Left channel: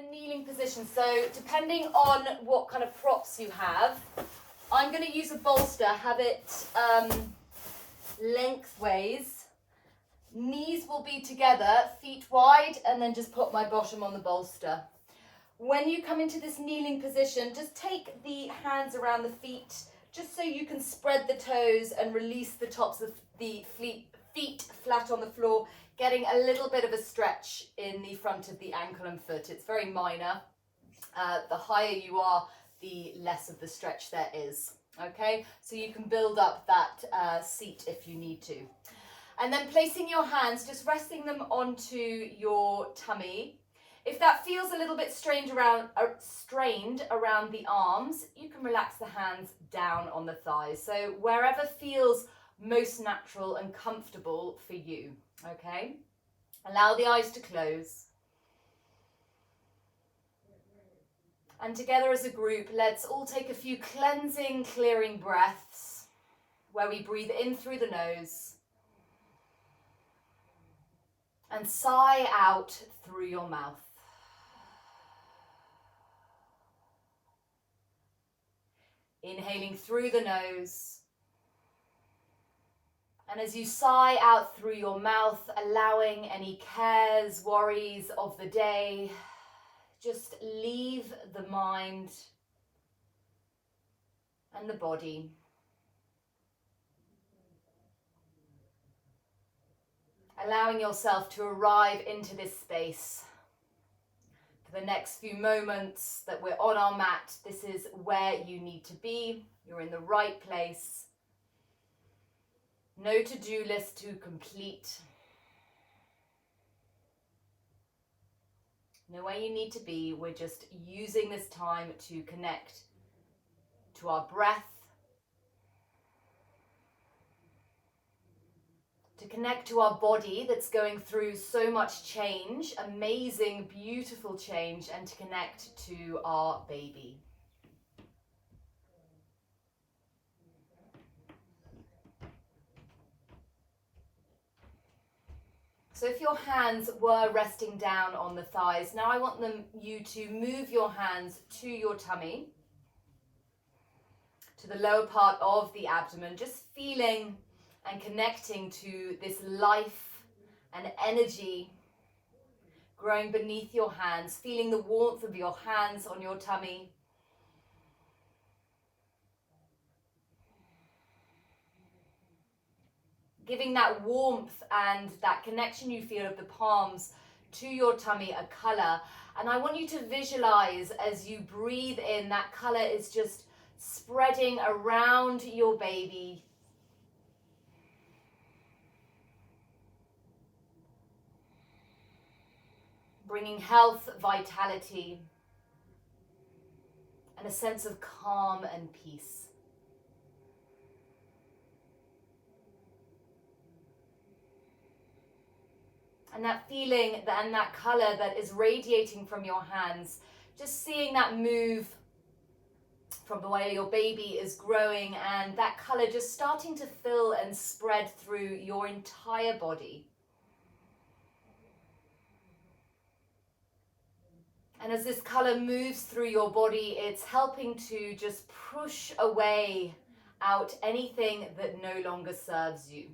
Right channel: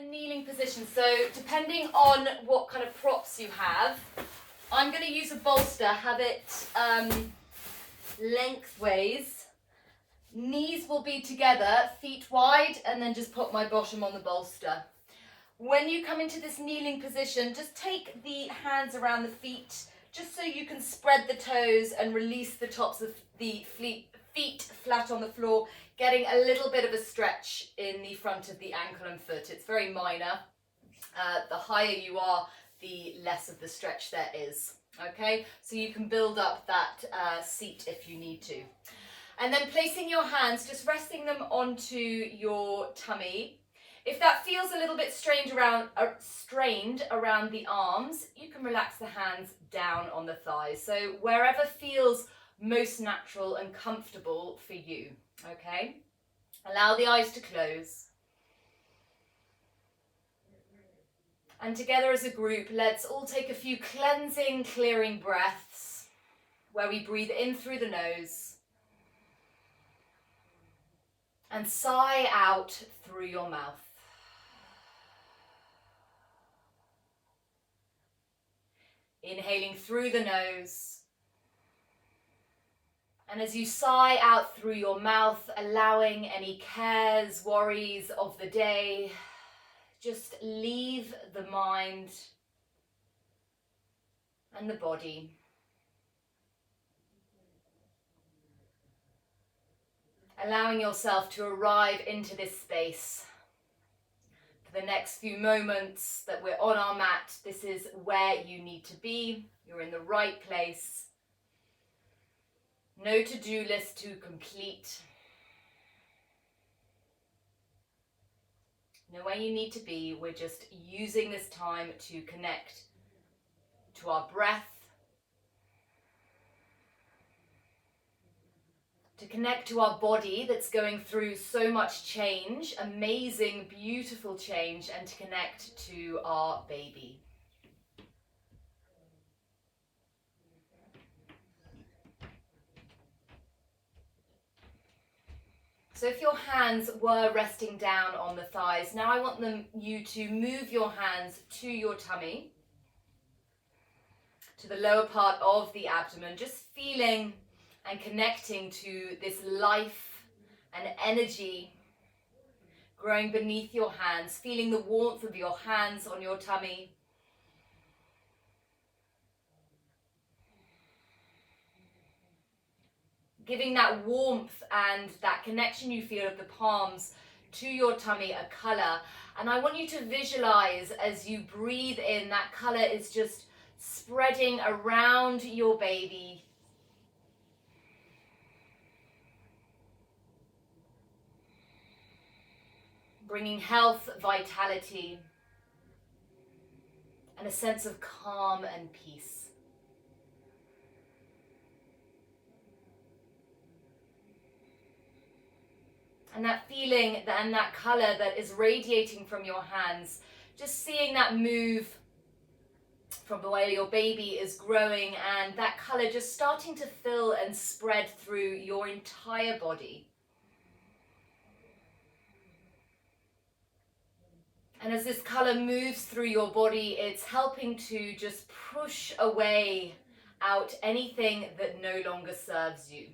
in a kneeling position. So depending on what kind of props you have, I'm going to use a bolster, have it lengthways. Knees will be together, feet wide, and then just put my bottom on the bolster. When you come into this kneeling position, just take the hands around the feet, just so you can spread the toes and release the tops of the feet flat on the floor, getting a little bit of a stretch in the front of the ankle and foot. It's very minor. The higher you are, the less of the stretch there is. Okay, so you can build up that seat if you need to. And then placing your hands, just resting them onto your tummy. If that feels a little bit strained around the arms, you can relax the hands down on the thighs. So wherever feels most natural and comfortable for you, okay? Allow the eyes to close. And together as a group, let's all take a few cleansing, clearing breaths where we breathe in through the nose and sigh out through your mouth. Inhaling through the nose. And as you sigh out through your mouth, allowing any cares, worries of the day, just leave the mind and the body. Allowing yourself to arrive into this space. For the next few moments that we're on our mat, this is where you need to be. You're in the right place. No to-do list to complete. Know where you need to be. We're just using this time to connect to our breath, to connect to our body that's going through so much change, amazing, beautiful change, and to connect to our baby. So if your hands were resting down on the thighs, now I want you to move your hands to your tummy, to the lower part of the abdomen, just feeling and connecting to this life and energy growing beneath your hands, feeling the warmth of your hands on your tummy. Giving that warmth and that connection you feel of the palms to your tummy a colour. And I want you to visualize as you breathe in, that colour is just spreading around your baby. Bringing health, vitality, and a sense of calm and peace. And that feeling and that colour that is radiating from your hands, just seeing that move from the way your baby is growing and that colour just starting to fill and spread through your entire body. And as this colour moves through your body, it's helping to just push away out anything that no longer serves you.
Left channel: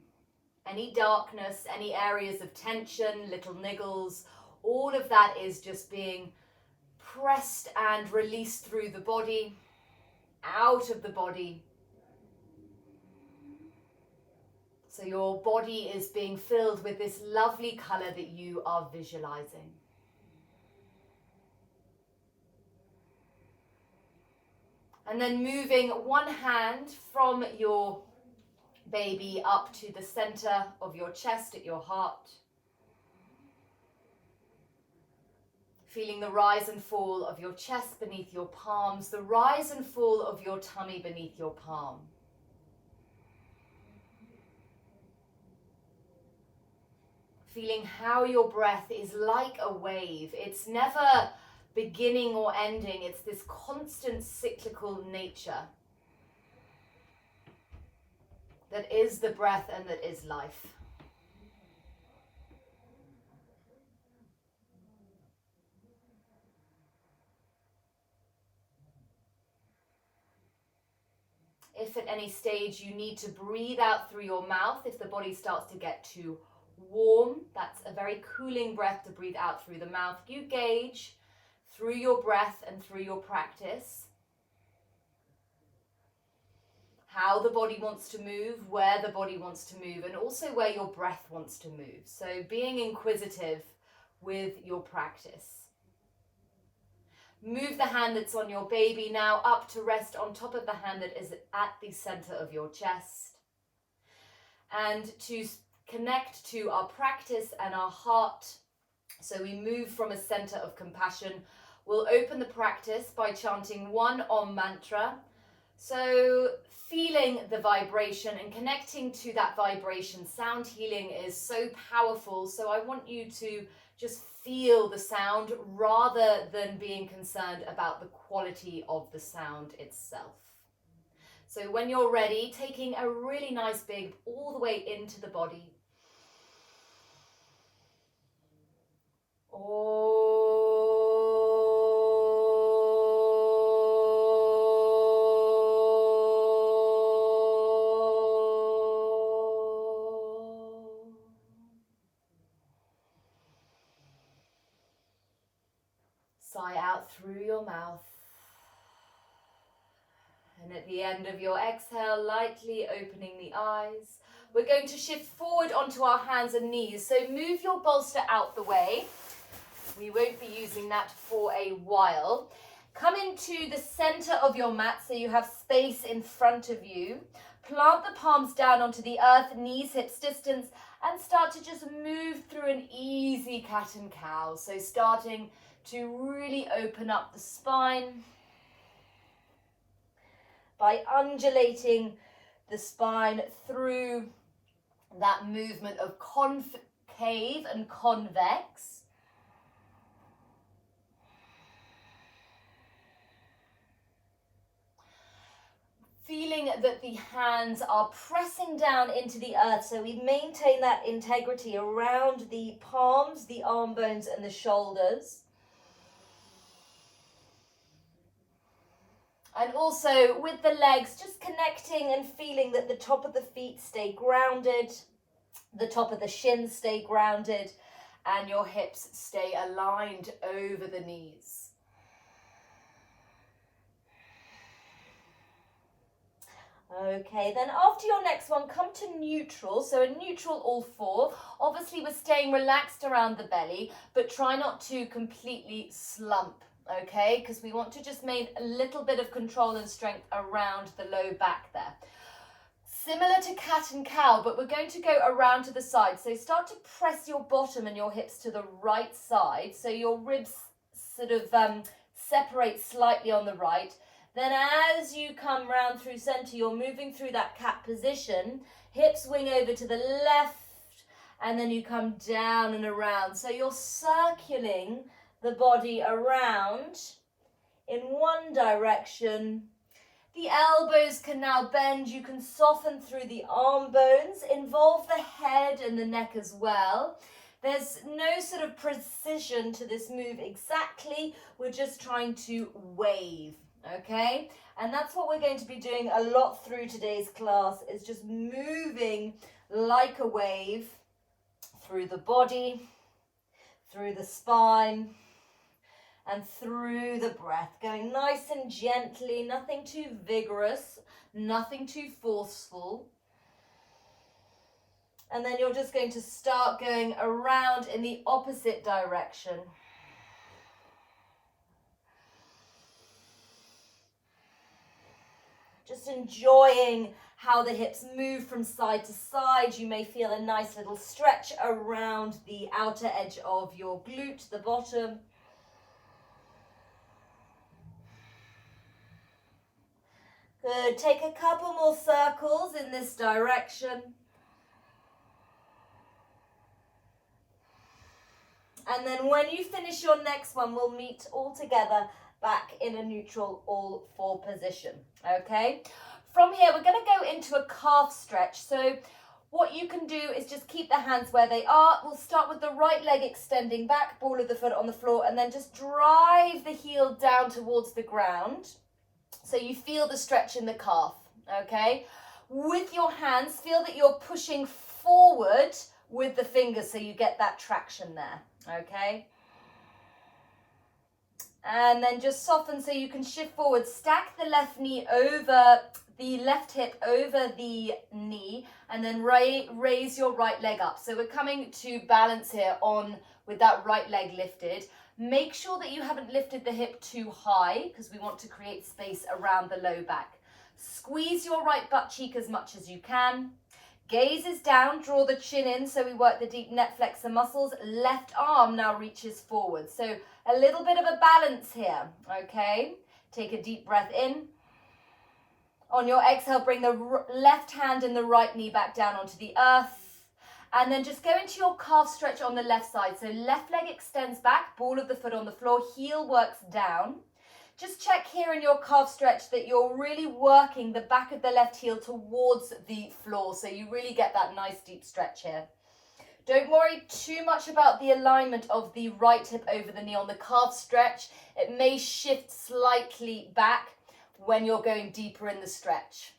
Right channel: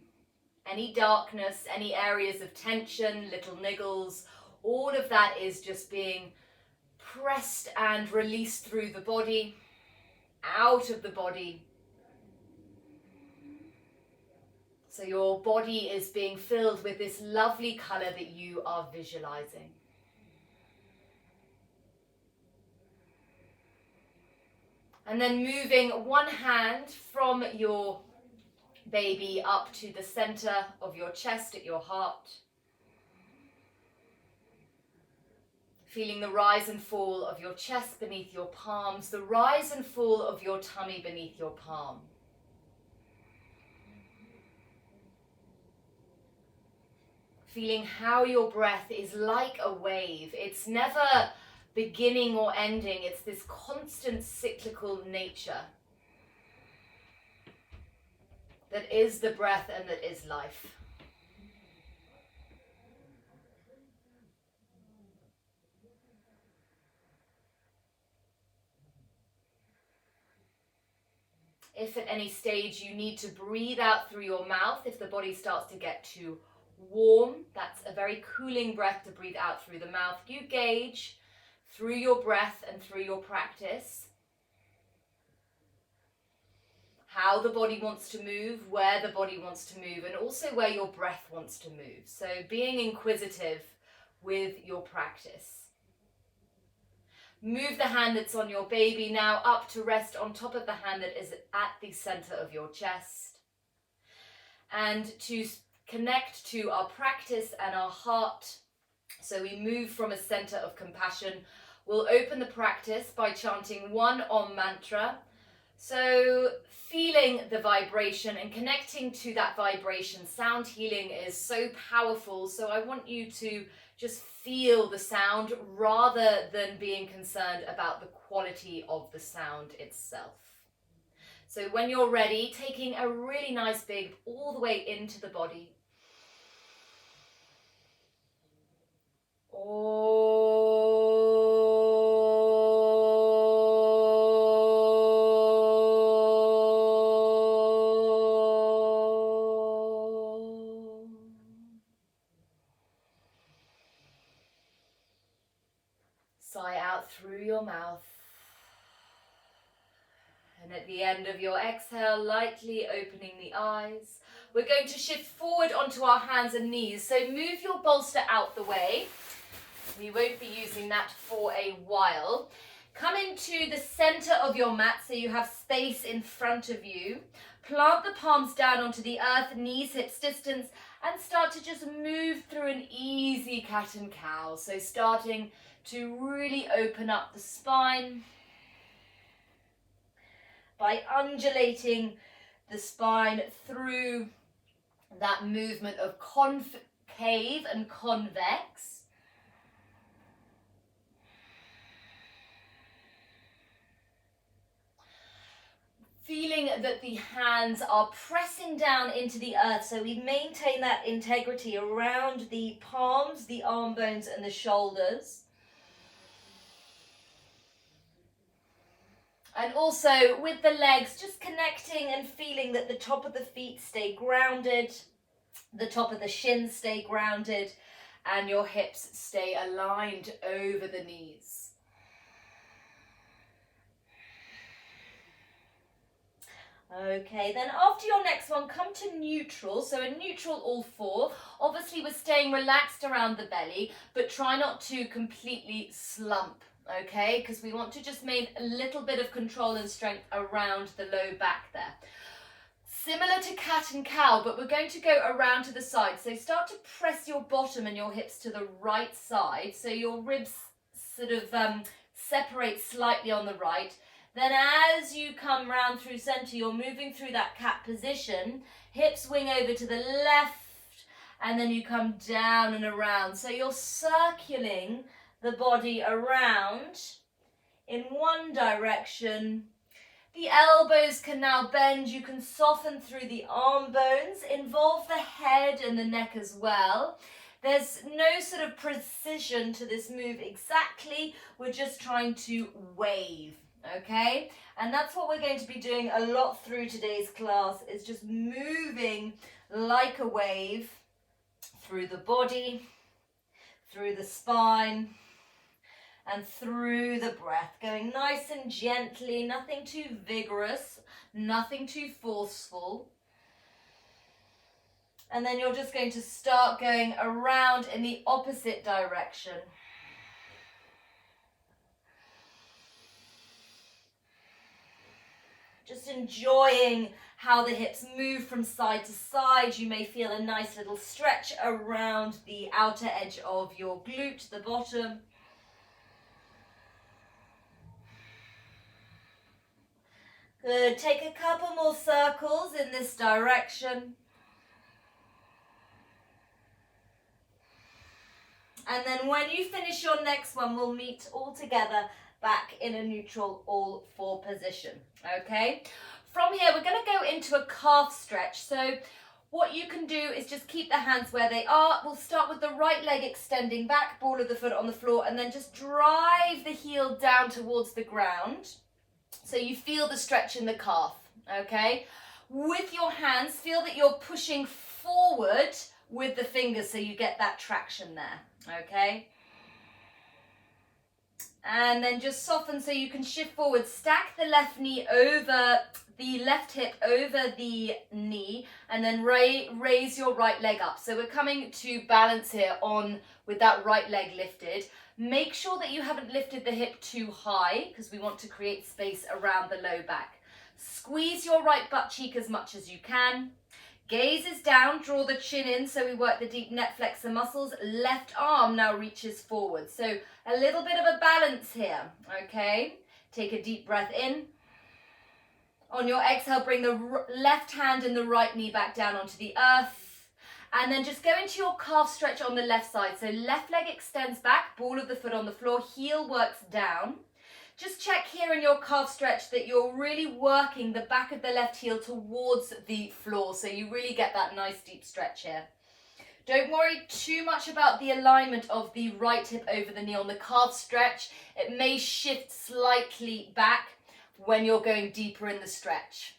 Any darkness, any areas of tension, little niggles, all of that is just being pressed and released through the body, out of the body. So your body is being filled with this lovely colour that you are visualizing. And then moving one hand from your baby up to the center of your chest at your heart. Feeling the rise and fall of your chest beneath your palms, the rise and fall of your tummy beneath your palm. Feeling how your breath is like a wave. It's never beginning or ending. It's this constant cyclical nature that is the breath and that is life. If at any stage you need to breathe out through your mouth, if the body starts to get too warm, that's a very cooling breath to breathe out through the mouth. You gauge through your breath and through your practice how the body wants to move, where the body wants to move, and also where your breath wants to move. So being inquisitive with your practice. Move the hand that's on your baby now up to rest on top of the hand that is at the center of your chest. And to connect to our practice and our heart, so we move from a center of compassion, we'll open the practice by chanting one Om mantra. So feeling the vibration and connecting to that vibration. Sound healing is so powerful, so I want you to just feel the sound rather than being concerned about the quality of the sound itself. So when you're ready, taking a really nice big all the way into the body. Sigh out through your mouth. And at the end of your exhale, lightly opening the eyes. We're going to shift forward onto our hands and knees. So move your bolster out the way. We won't be using that for a while. Come into the center of your mat so you have space in front of you. Plant the palms down onto the earth, knees, hips distance, and start to just move through an easy cat and cow. So starting to really open up the spine by undulating the spine through that movement of concave and convex. Feeling that the hands are pressing down into the earth, so we maintain that integrity around the palms, the arm bones and the shoulders. And also with the legs, just connecting and feeling that the top of the feet stay grounded, the top of the shins stay grounded, and your hips stay aligned over the knees. Okay, then after your next one, come to neutral. So in neutral, all four. Obviously, we're staying relaxed around the belly, but try not to completely slump. Okay, because we want to just make a little bit of control and strength around the low back there. Similar to cat and cow, but we're going to go around to the side. So start to press your bottom and your hips to the right side. So your ribs sort of separate slightly on the right. Then as you come round through center, you're moving through that cat position. Hips wing over to the left, and then you come down and around. So you're circling the body around in one direction. The elbows can now bend. You can soften through the arm bones, involve the head and the neck as well. There's no sort of precision to this move exactly. We're just trying to wave, okay? And that's what we're going to be doing a lot through today's class, is just moving like a wave through the body, through the spine, and through the breath, going nice and gently, nothing too vigorous, nothing too forceful. And then you're just going to start going around in the opposite direction. Just enjoying how the hips move from side to side. You may feel a nice little stretch around the outer edge of your glute, the bottom. Good, take a couple more circles in this direction. And then when you finish your next one, we'll meet all together back in a neutral all four position, okay? From here, we're gonna go into a calf stretch. So what you can do is just keep the hands where they are. We'll start with the right leg extending back, ball of the foot on the floor, and then just drive the heel down towards the ground. So you feel the stretch in the calf, okay? With your hands, feel that you're pushing forward with the fingers so you get that traction there, okay? And then just soften so you can shift forward. Stack the left knee over the left hip over the knee, and then raise your right leg up. So we're coming to balance here on with that right leg lifted. Make sure that you haven't lifted the hip too high because we want to create space around the low back. Squeeze your right butt cheek as much as you can. Gaze is down, draw the chin in so we work the deep neck flexor muscles. Left arm now reaches forward. So a little bit of a balance here, okay? Take a deep breath in. On your exhale, bring the left hand and the right knee back down onto the earth. And then just go into your calf stretch on the left side. So left leg extends back, ball of the foot on the floor, heel works down. Just check here in your calf stretch that you're really working the back of the left heel towards the floor. So you really get that nice deep stretch here. Don't worry too much about the alignment of the right hip over the knee on the calf stretch. It may shift slightly back when you're going deeper in the stretch.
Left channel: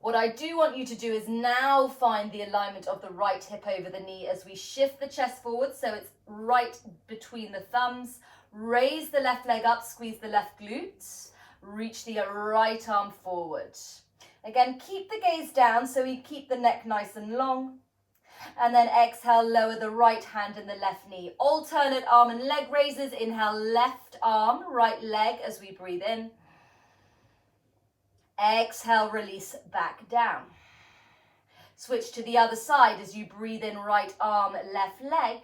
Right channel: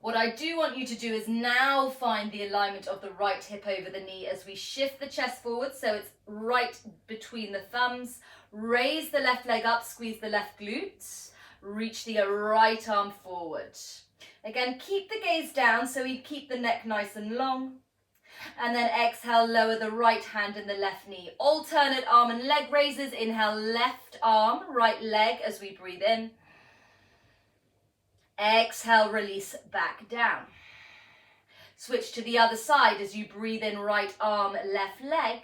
What I do want you to do is now find the alignment of the right hip over the knee as we shift the chest forward so it's right between the thumbs. Raise the left leg up, squeeze the left glutes, reach the right arm forward. Again, keep the gaze down so we keep the neck nice and long. And then exhale, lower the right hand and the left knee. Alternate arm and leg raises. Inhale, left arm, right leg as we breathe in. Exhale, release back down. Switch to the other side as you breathe in, right arm, left leg.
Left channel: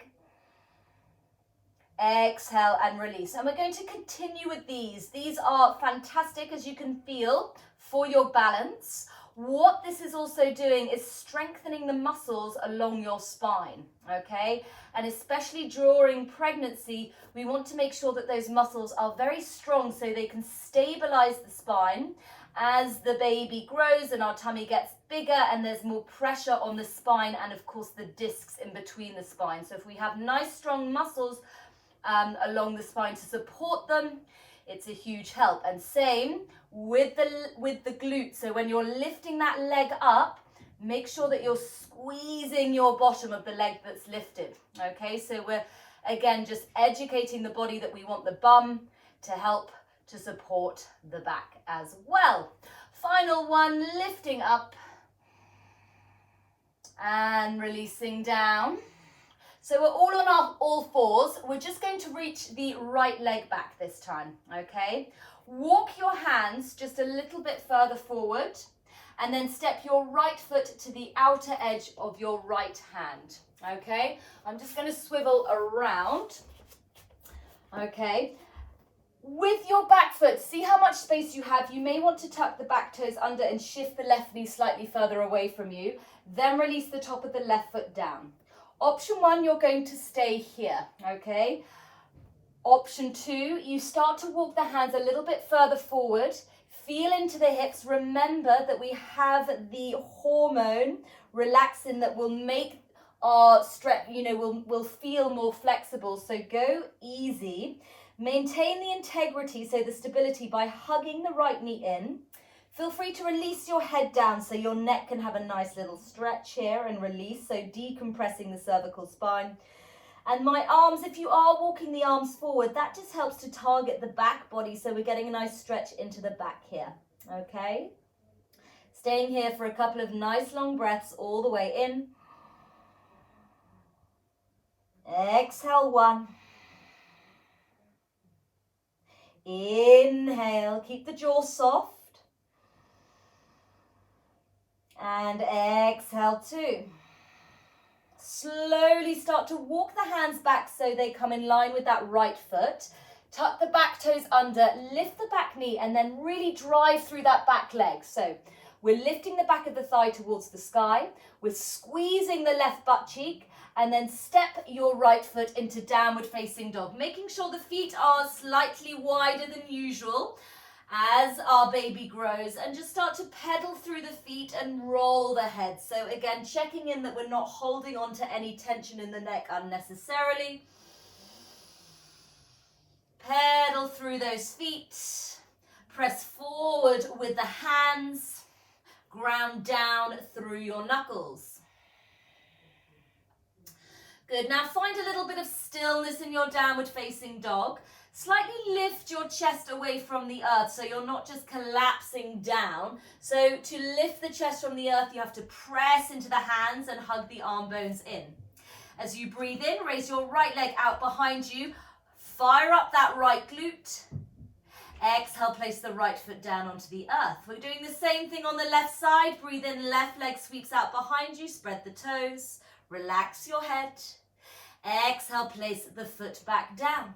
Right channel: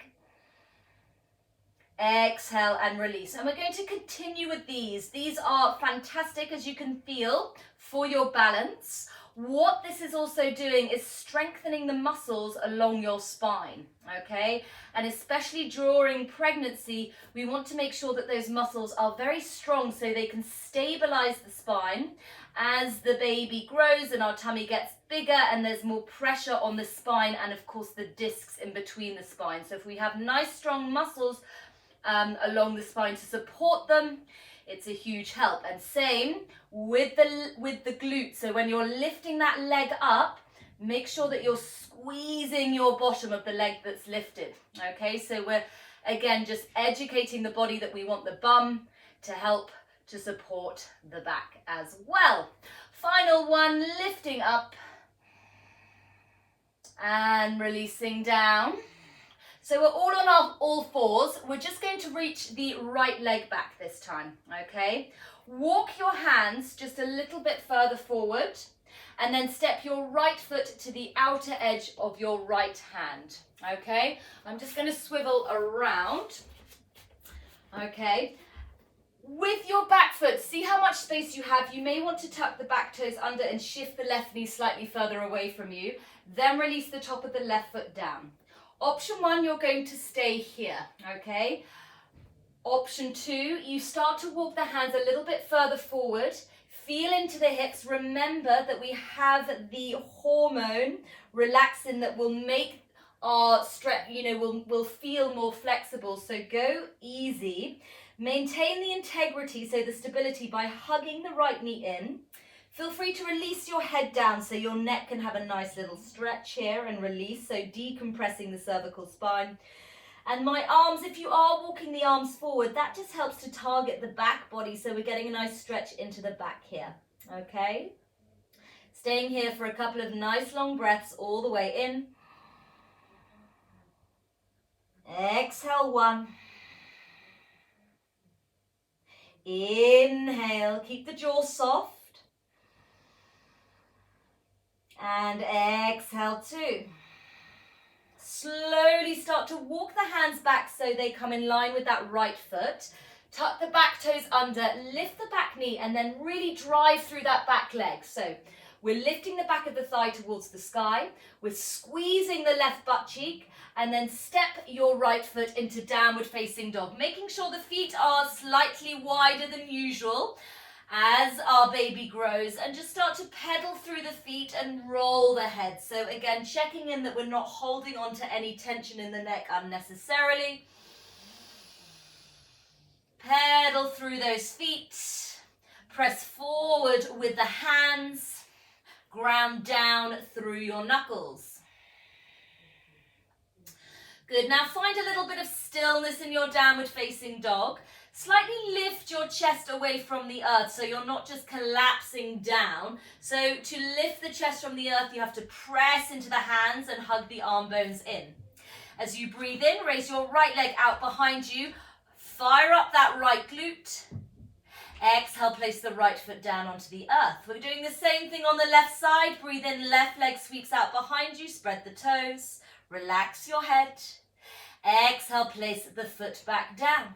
Exhale and release. And we're going to continue with these. These are fantastic, as you can feel, for your balance. What this is also doing is strengthening the muscles along your spine, okay? And especially during pregnancy, we want to make sure that those muscles are very strong so they can stabilize the spine as the baby grows and our tummy gets bigger and there's more pressure on the spine and of course the discs in between the spine. So if we have nice strong muscles along the spine to support them, it's a huge help. And same with the glutes. So when you're lifting that leg up, make sure that you're squeezing your bottom of the leg that's lifted. Okay, so we're again just educating the body that we want the bum to help to support the back as well. Final one, lifting up and releasing down. So we're all on our all fours. We're just going to reach the right leg back this time, okay? Walk your hands just a little bit further forward and then step your right foot to the outer edge of your right hand, okay? I'm just going to swivel around, okay? With your back foot, see how much space you have. You may want to tuck the back toes under and shift the left knee slightly further away from you. Then release the top of the left foot down. Option one, you're going to stay here, okay? Option two, you start to walk the hands a little bit further forward. Feel into the hips. Remember that we have the hormone relaxin that will make our stretch, will feel more flexible. So go easy. Maintain the integrity, so the stability, by hugging the right knee in. Feel free to release your head down so your neck can have a nice little stretch here and release, so decompressing the cervical spine. And my arms, if you are walking the arms forward, that just helps to target the back body, so we're getting a nice stretch into the back here, okay? Staying here for a couple of nice long breaths all the way in. Exhale, one. Inhale, keep the jaw soft. And exhale, two. Slowly start to walk the hands back so they come in line with that right foot. Tuck the back toes under, lift the back knee, and then really drive through that back leg. So we're lifting the back of the thigh towards the sky. We're squeezing the left butt cheek, and then step your right foot into downward facing dog, making sure the feet are slightly wider than usual as our baby grows, and just start to pedal through the feet and roll the head. So again, checking in that we're not holding on to any tension in the neck unnecessarily. Pedal through those feet. Press forward with the hands. Ground down through your knuckles. Good. Now find a little bit of stillness in your downward facing dog. Slightly lift your chest away from the earth so you're not just collapsing down. So to lift the chest from the earth, you have to press into the hands and hug the arm bones in. As you breathe in, raise your right leg out behind you. Fire up that right glute. Exhale, place the right foot down onto the earth. We're doing the same thing on the left side. Breathe in, left leg sweeps out behind you. Spread the toes. Relax your head. Exhale, place the foot back down.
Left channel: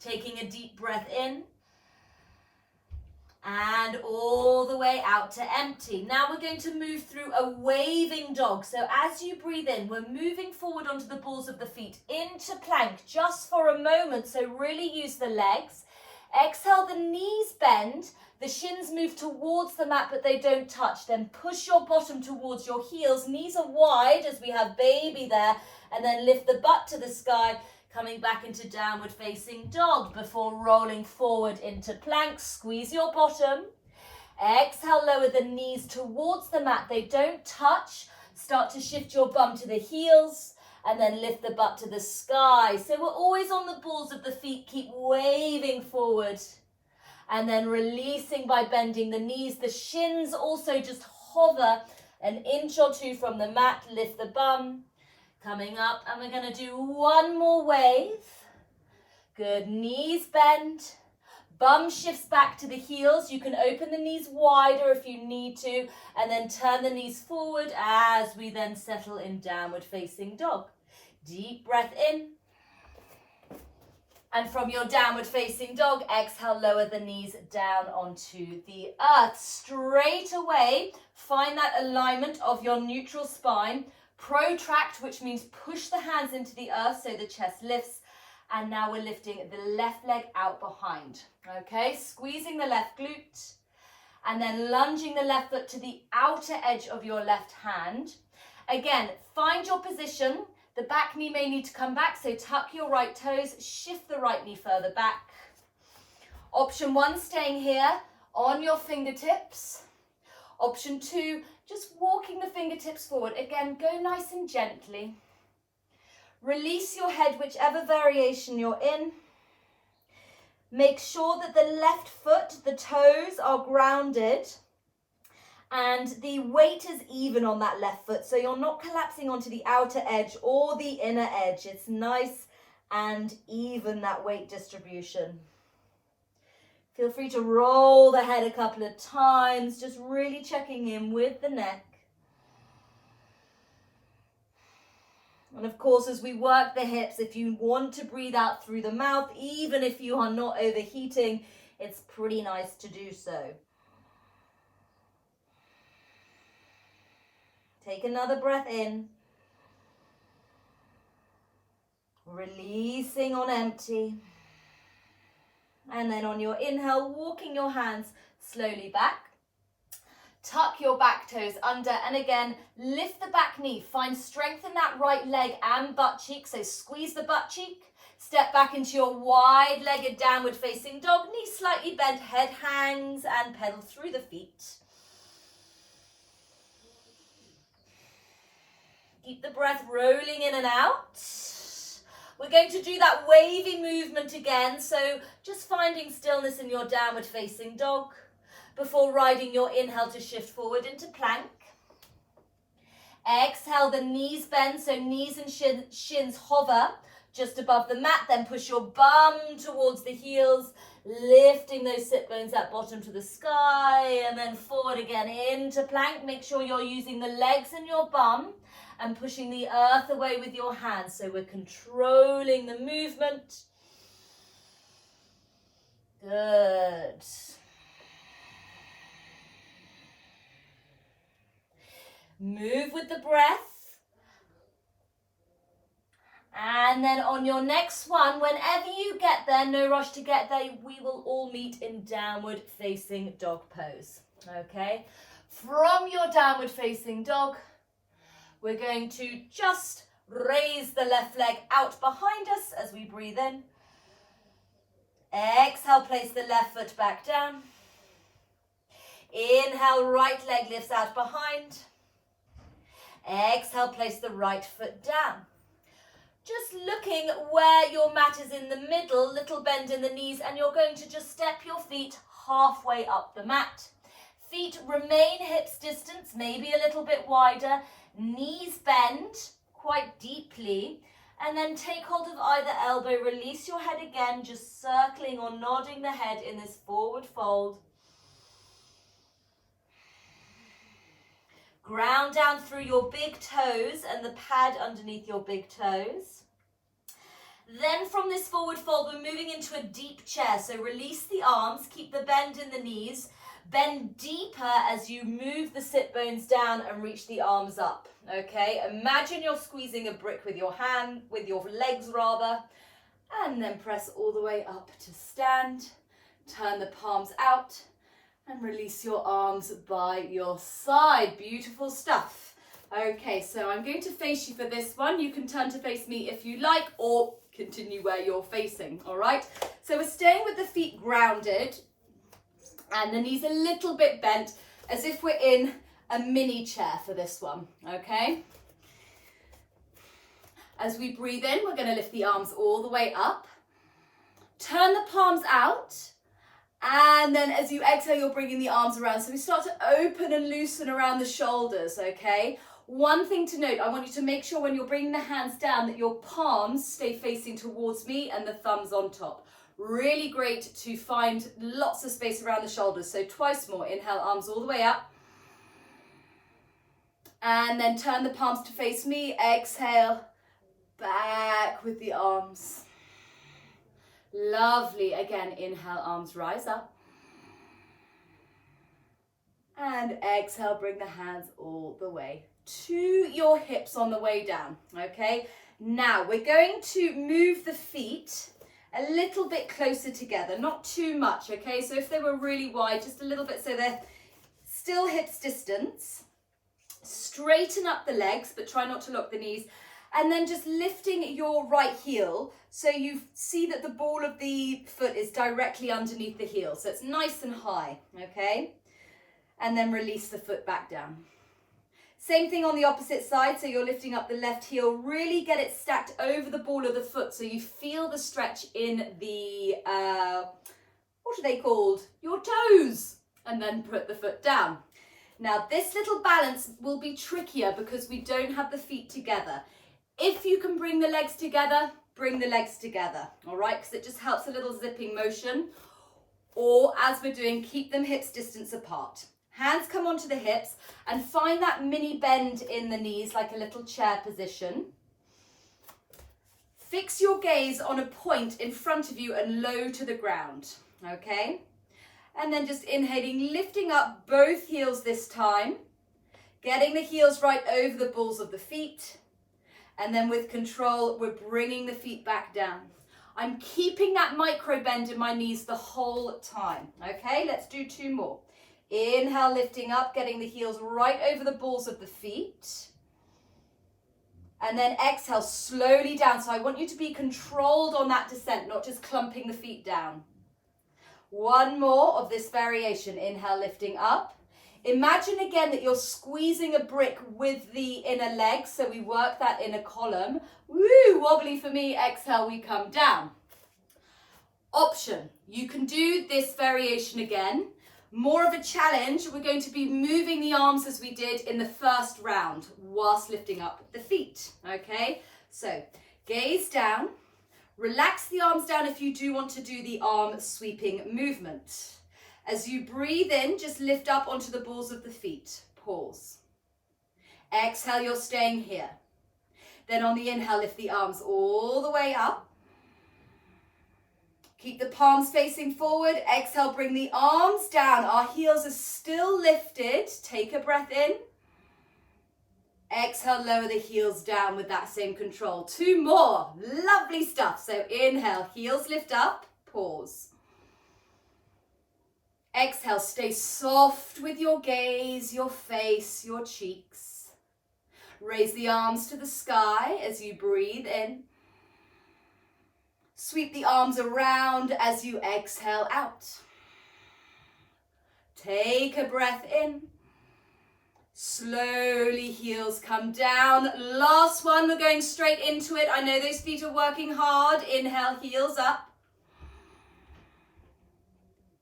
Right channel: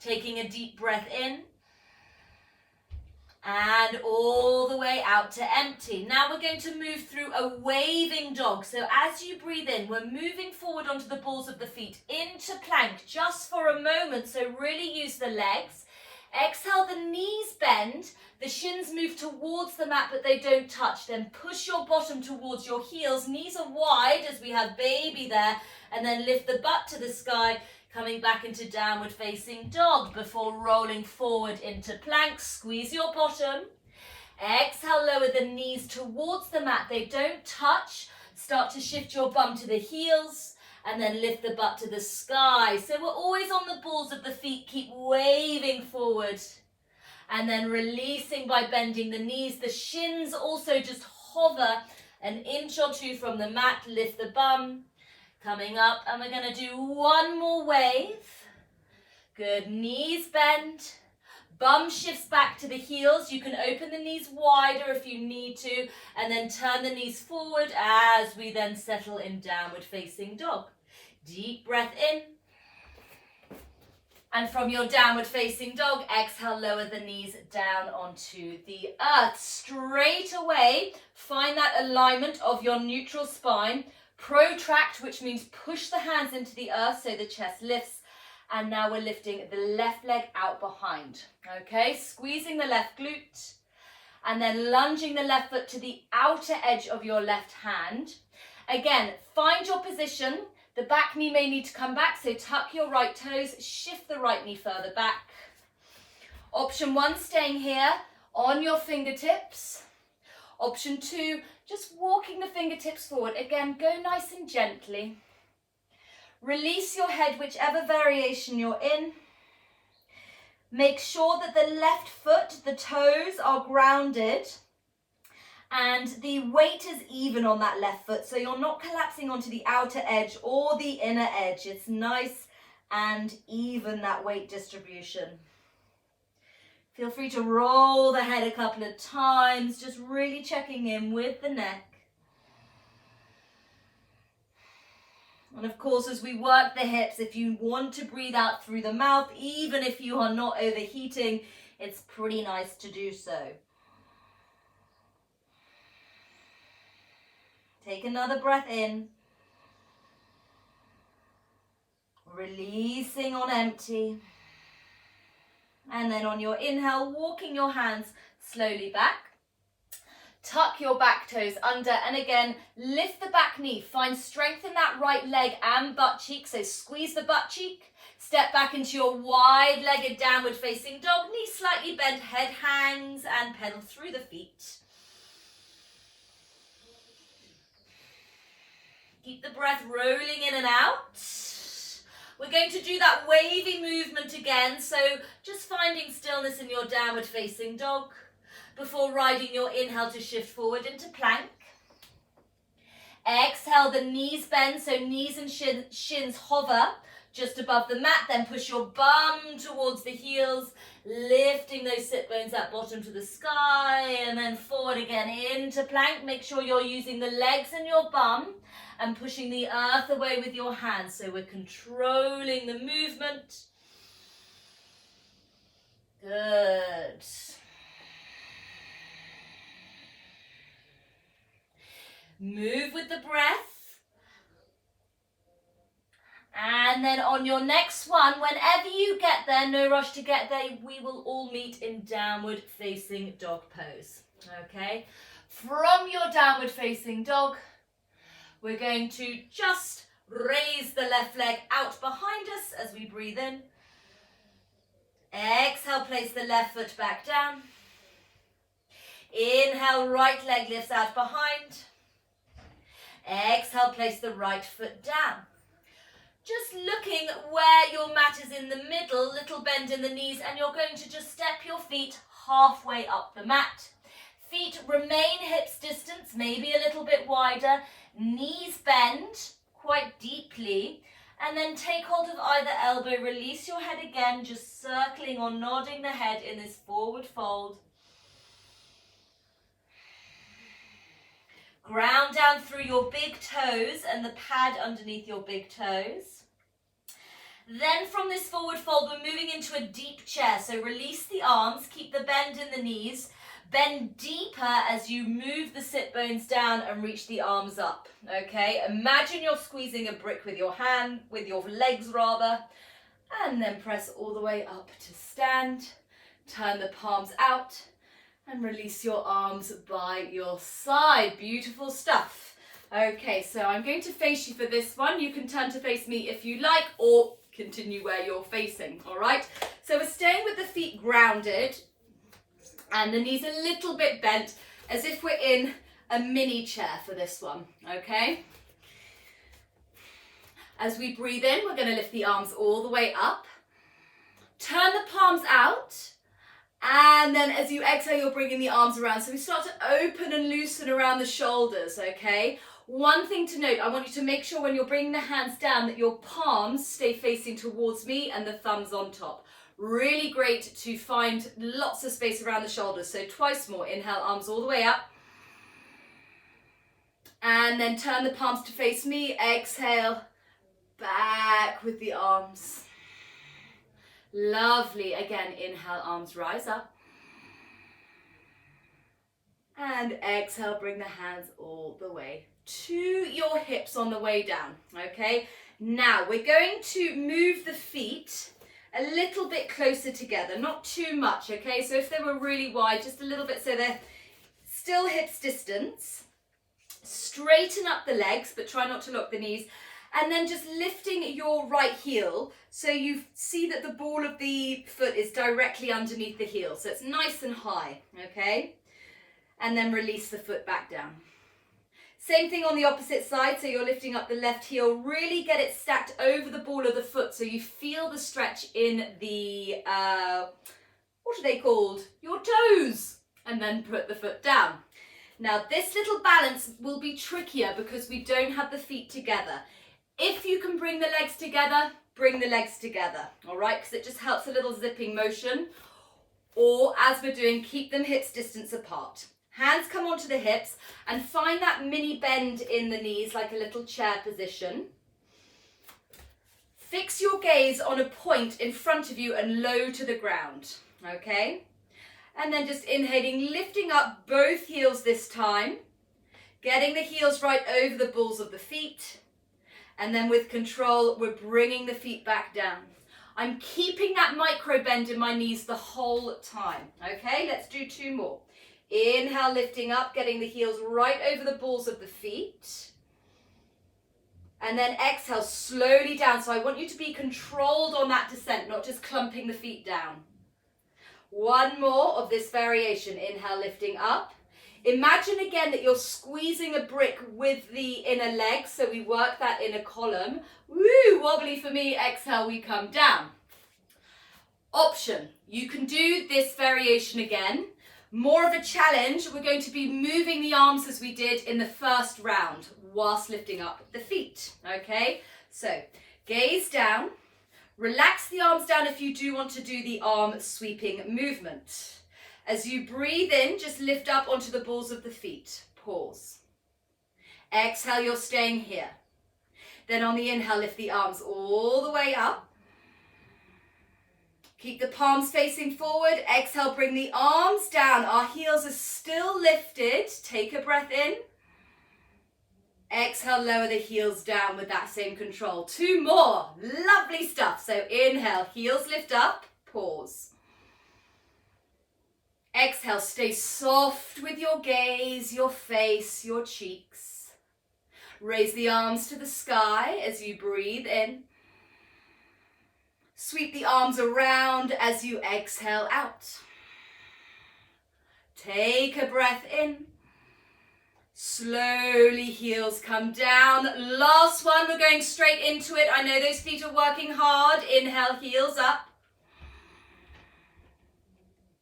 Taking a deep breath in. And all the way out to empty. Now we're going to move through a waving dog. So as you breathe in, we're moving forward onto the balls of the feet into plank just for a moment. So really use the legs. Exhale, the knees bend. The shins move towards the mat, but they don't touch. Then push your bottom towards your heels. Knees are wide as we have baby there. And then lift the butt to the sky. Coming back into downward facing dog before rolling forward into plank. Squeeze your bottom. Exhale, lower the knees towards the mat. They don't touch. Start to shift your bum to the heels and then lift the butt to the sky. So we're always on the balls of the feet. Keep waving forward and then releasing by bending the knees. The shins also just hover an inch or two from the mat. Lift the bum. Coming up, and we're going to do one more wave. Good, knees bend. Bum shifts back to the heels. You can open the knees wider if you need to, and then turn the knees forward as we then settle in downward facing dog. Deep breath in. And from your downward facing dog, exhale, lower the knees down onto the earth. Straight away, find that alignment of your neutral spine. Protract, which means push the hands into the earth so the chest lifts. And now we're lifting the left leg out behind. Okay, squeezing the left glute and then lunging the left foot to the outer edge of your left hand. Again, find your position. The back knee may need to come back, so tuck your right toes, shift the right knee further back. Option 1, staying here on your fingertips. Option 2, just walking the fingertips forward. Again, go nice and gently. Release your head, whichever variation you're in. Make sure that the left foot, the toes are grounded and the weight is even on that left foot. So you're not collapsing onto the outer edge or the inner edge. It's nice and even, that weight distribution. Feel free to roll the head a couple of times, just really checking in with the neck. And of course, as we work the hips, if you want to breathe out through the mouth, even if you are not overheating, it's pretty nice to do so. Take another breath in. Releasing on empty. And then on your inhale, walking your hands slowly back. Tuck your back toes under and again, lift the back knee. Find strength in that right leg and butt cheek. So squeeze the butt cheek. Step back into your wide-legged downward facing dog. Knees slightly bent, head hangs and pedal through the feet. Keep the breath rolling in and out. We're going to do that wavy movement again. So just finding stillness in your downward facing dog before riding your inhale to shift forward into plank. Exhale, the knees bend, so knees and shins hover just above the mat. Then push your bum towards the heels, lifting those sit bones at bottom to the sky, and then forward again into plank. Make sure you're using the legs and your bum and pushing the earth away with your hands. So we're controlling the movement. Good. Move with the breath. And then on your next one, whenever you get there, no rush to get there, we will all meet in downward facing dog pose. Okay? From your downward facing dog, we're going to just raise the left leg out behind us as we breathe in. Exhale, place the left foot back down. Inhale, right leg lifts out behind. Exhale, place the right foot down. Just looking where your mat is in the middle, little bend in the knees, and you're going to just step your feet halfway up the mat. Feet remain hips distance, maybe a little bit wider. Knees bend quite deeply. And then take hold of either elbow, release your head again, just circling or nodding the head in this forward fold. Ground down through your big toes and the pad underneath your big toes. Then from this forward fold, we're moving into a deep chair. So release the arms, keep the bend in the knees. Bend deeper as you move the sit bones down and reach the arms up, okay? Imagine you're squeezing a brick with your hand, with your legs rather, and then press all the way up to stand. Turn the palms out and release your arms by your side. Beautiful stuff. Okay, so I'm going to face you for this one. You can turn to face me if you like, or continue where you're facing, all right? So we're staying with the feet grounded, and the knees a little bit bent, as if we're in a mini chair for this one, okay? As we breathe in, we're going to lift the arms all the way up. Turn the palms out. And then as you exhale, you're bringing the arms around. So we start to open and loosen around the shoulders, okay? One thing to note, I want you to make sure when you're bringing the hands down that your palms stay facing towards me and the thumbs on top. Really great to find lots of space around the shoulders. So twice more. Inhale, arms all the way up. And then turn the palms to face me. Exhale, back with the arms. Lovely. Again, inhale, arms rise up. And exhale, bring the hands all the way to your hips on the way down. Okay. Now we're going to move the feet a little bit closer together, not too much, okay? So if they were really wide, just a little bit so they're still hips distance. Straighten up the legs, but try not to lock the knees. And then just lifting your right heel so you see that the ball of the foot is directly underneath the heel. So it's nice and high, okay? And then release the foot back down. Same thing on the opposite side, so you're lifting up the left heel, really get it stacked over the ball of the foot so you feel the stretch in the, what are they called? Your toes, and then put the foot down. Now this little balance will be trickier because we don't have the feet together. If you can bring the legs together, bring the legs together, all right? Because it just helps a little zipping motion. Or as we're doing, keep them hips distance apart. Hands come onto the hips and find that mini bend in the knees like a little chair position. Fix your gaze on a point in front of you and low to the ground, okay? And then just inhaling, lifting up both heels this time, getting the heels right over the balls of the feet. And then with control, we're bringing the feet back down. I'm keeping that micro bend in my knees the whole time, okay? Let's do two more. Inhale, lifting up, getting the heels right over the balls of the feet. And then exhale, slowly down. So I want you to be controlled on that descent, not just clumping the feet down. One more of this variation. Inhale, lifting up. Imagine again that you're squeezing a brick with the inner leg. So we work that inner column. Woo, wobbly for me. Exhale, we come down. Option. You can do this variation again. More of a challenge, we're going to be moving the arms as we did in the first round whilst lifting up the feet, okay? So gaze down, relax the arms down if you do want to do the arm sweeping movement. As you breathe in, just lift up onto the balls of the feet, pause. Exhale, you're staying here. Then on the inhale, lift the arms all the way up. Keep the palms facing forward. Exhale, bring the arms down. Our heels are still lifted. Take a breath in. Exhale, lower the heels down with that same control. Two more. Lovely stuff. So inhale, heels lift up. Pause. Exhale, stay soft with your gaze, your face, your cheeks. Raise the arms to the sky as you breathe in. Sweep the arms around as you exhale out. Take a breath in. Slowly heels come down. Last one, we're going straight into it. I know those feet are working hard. Inhale, heels up.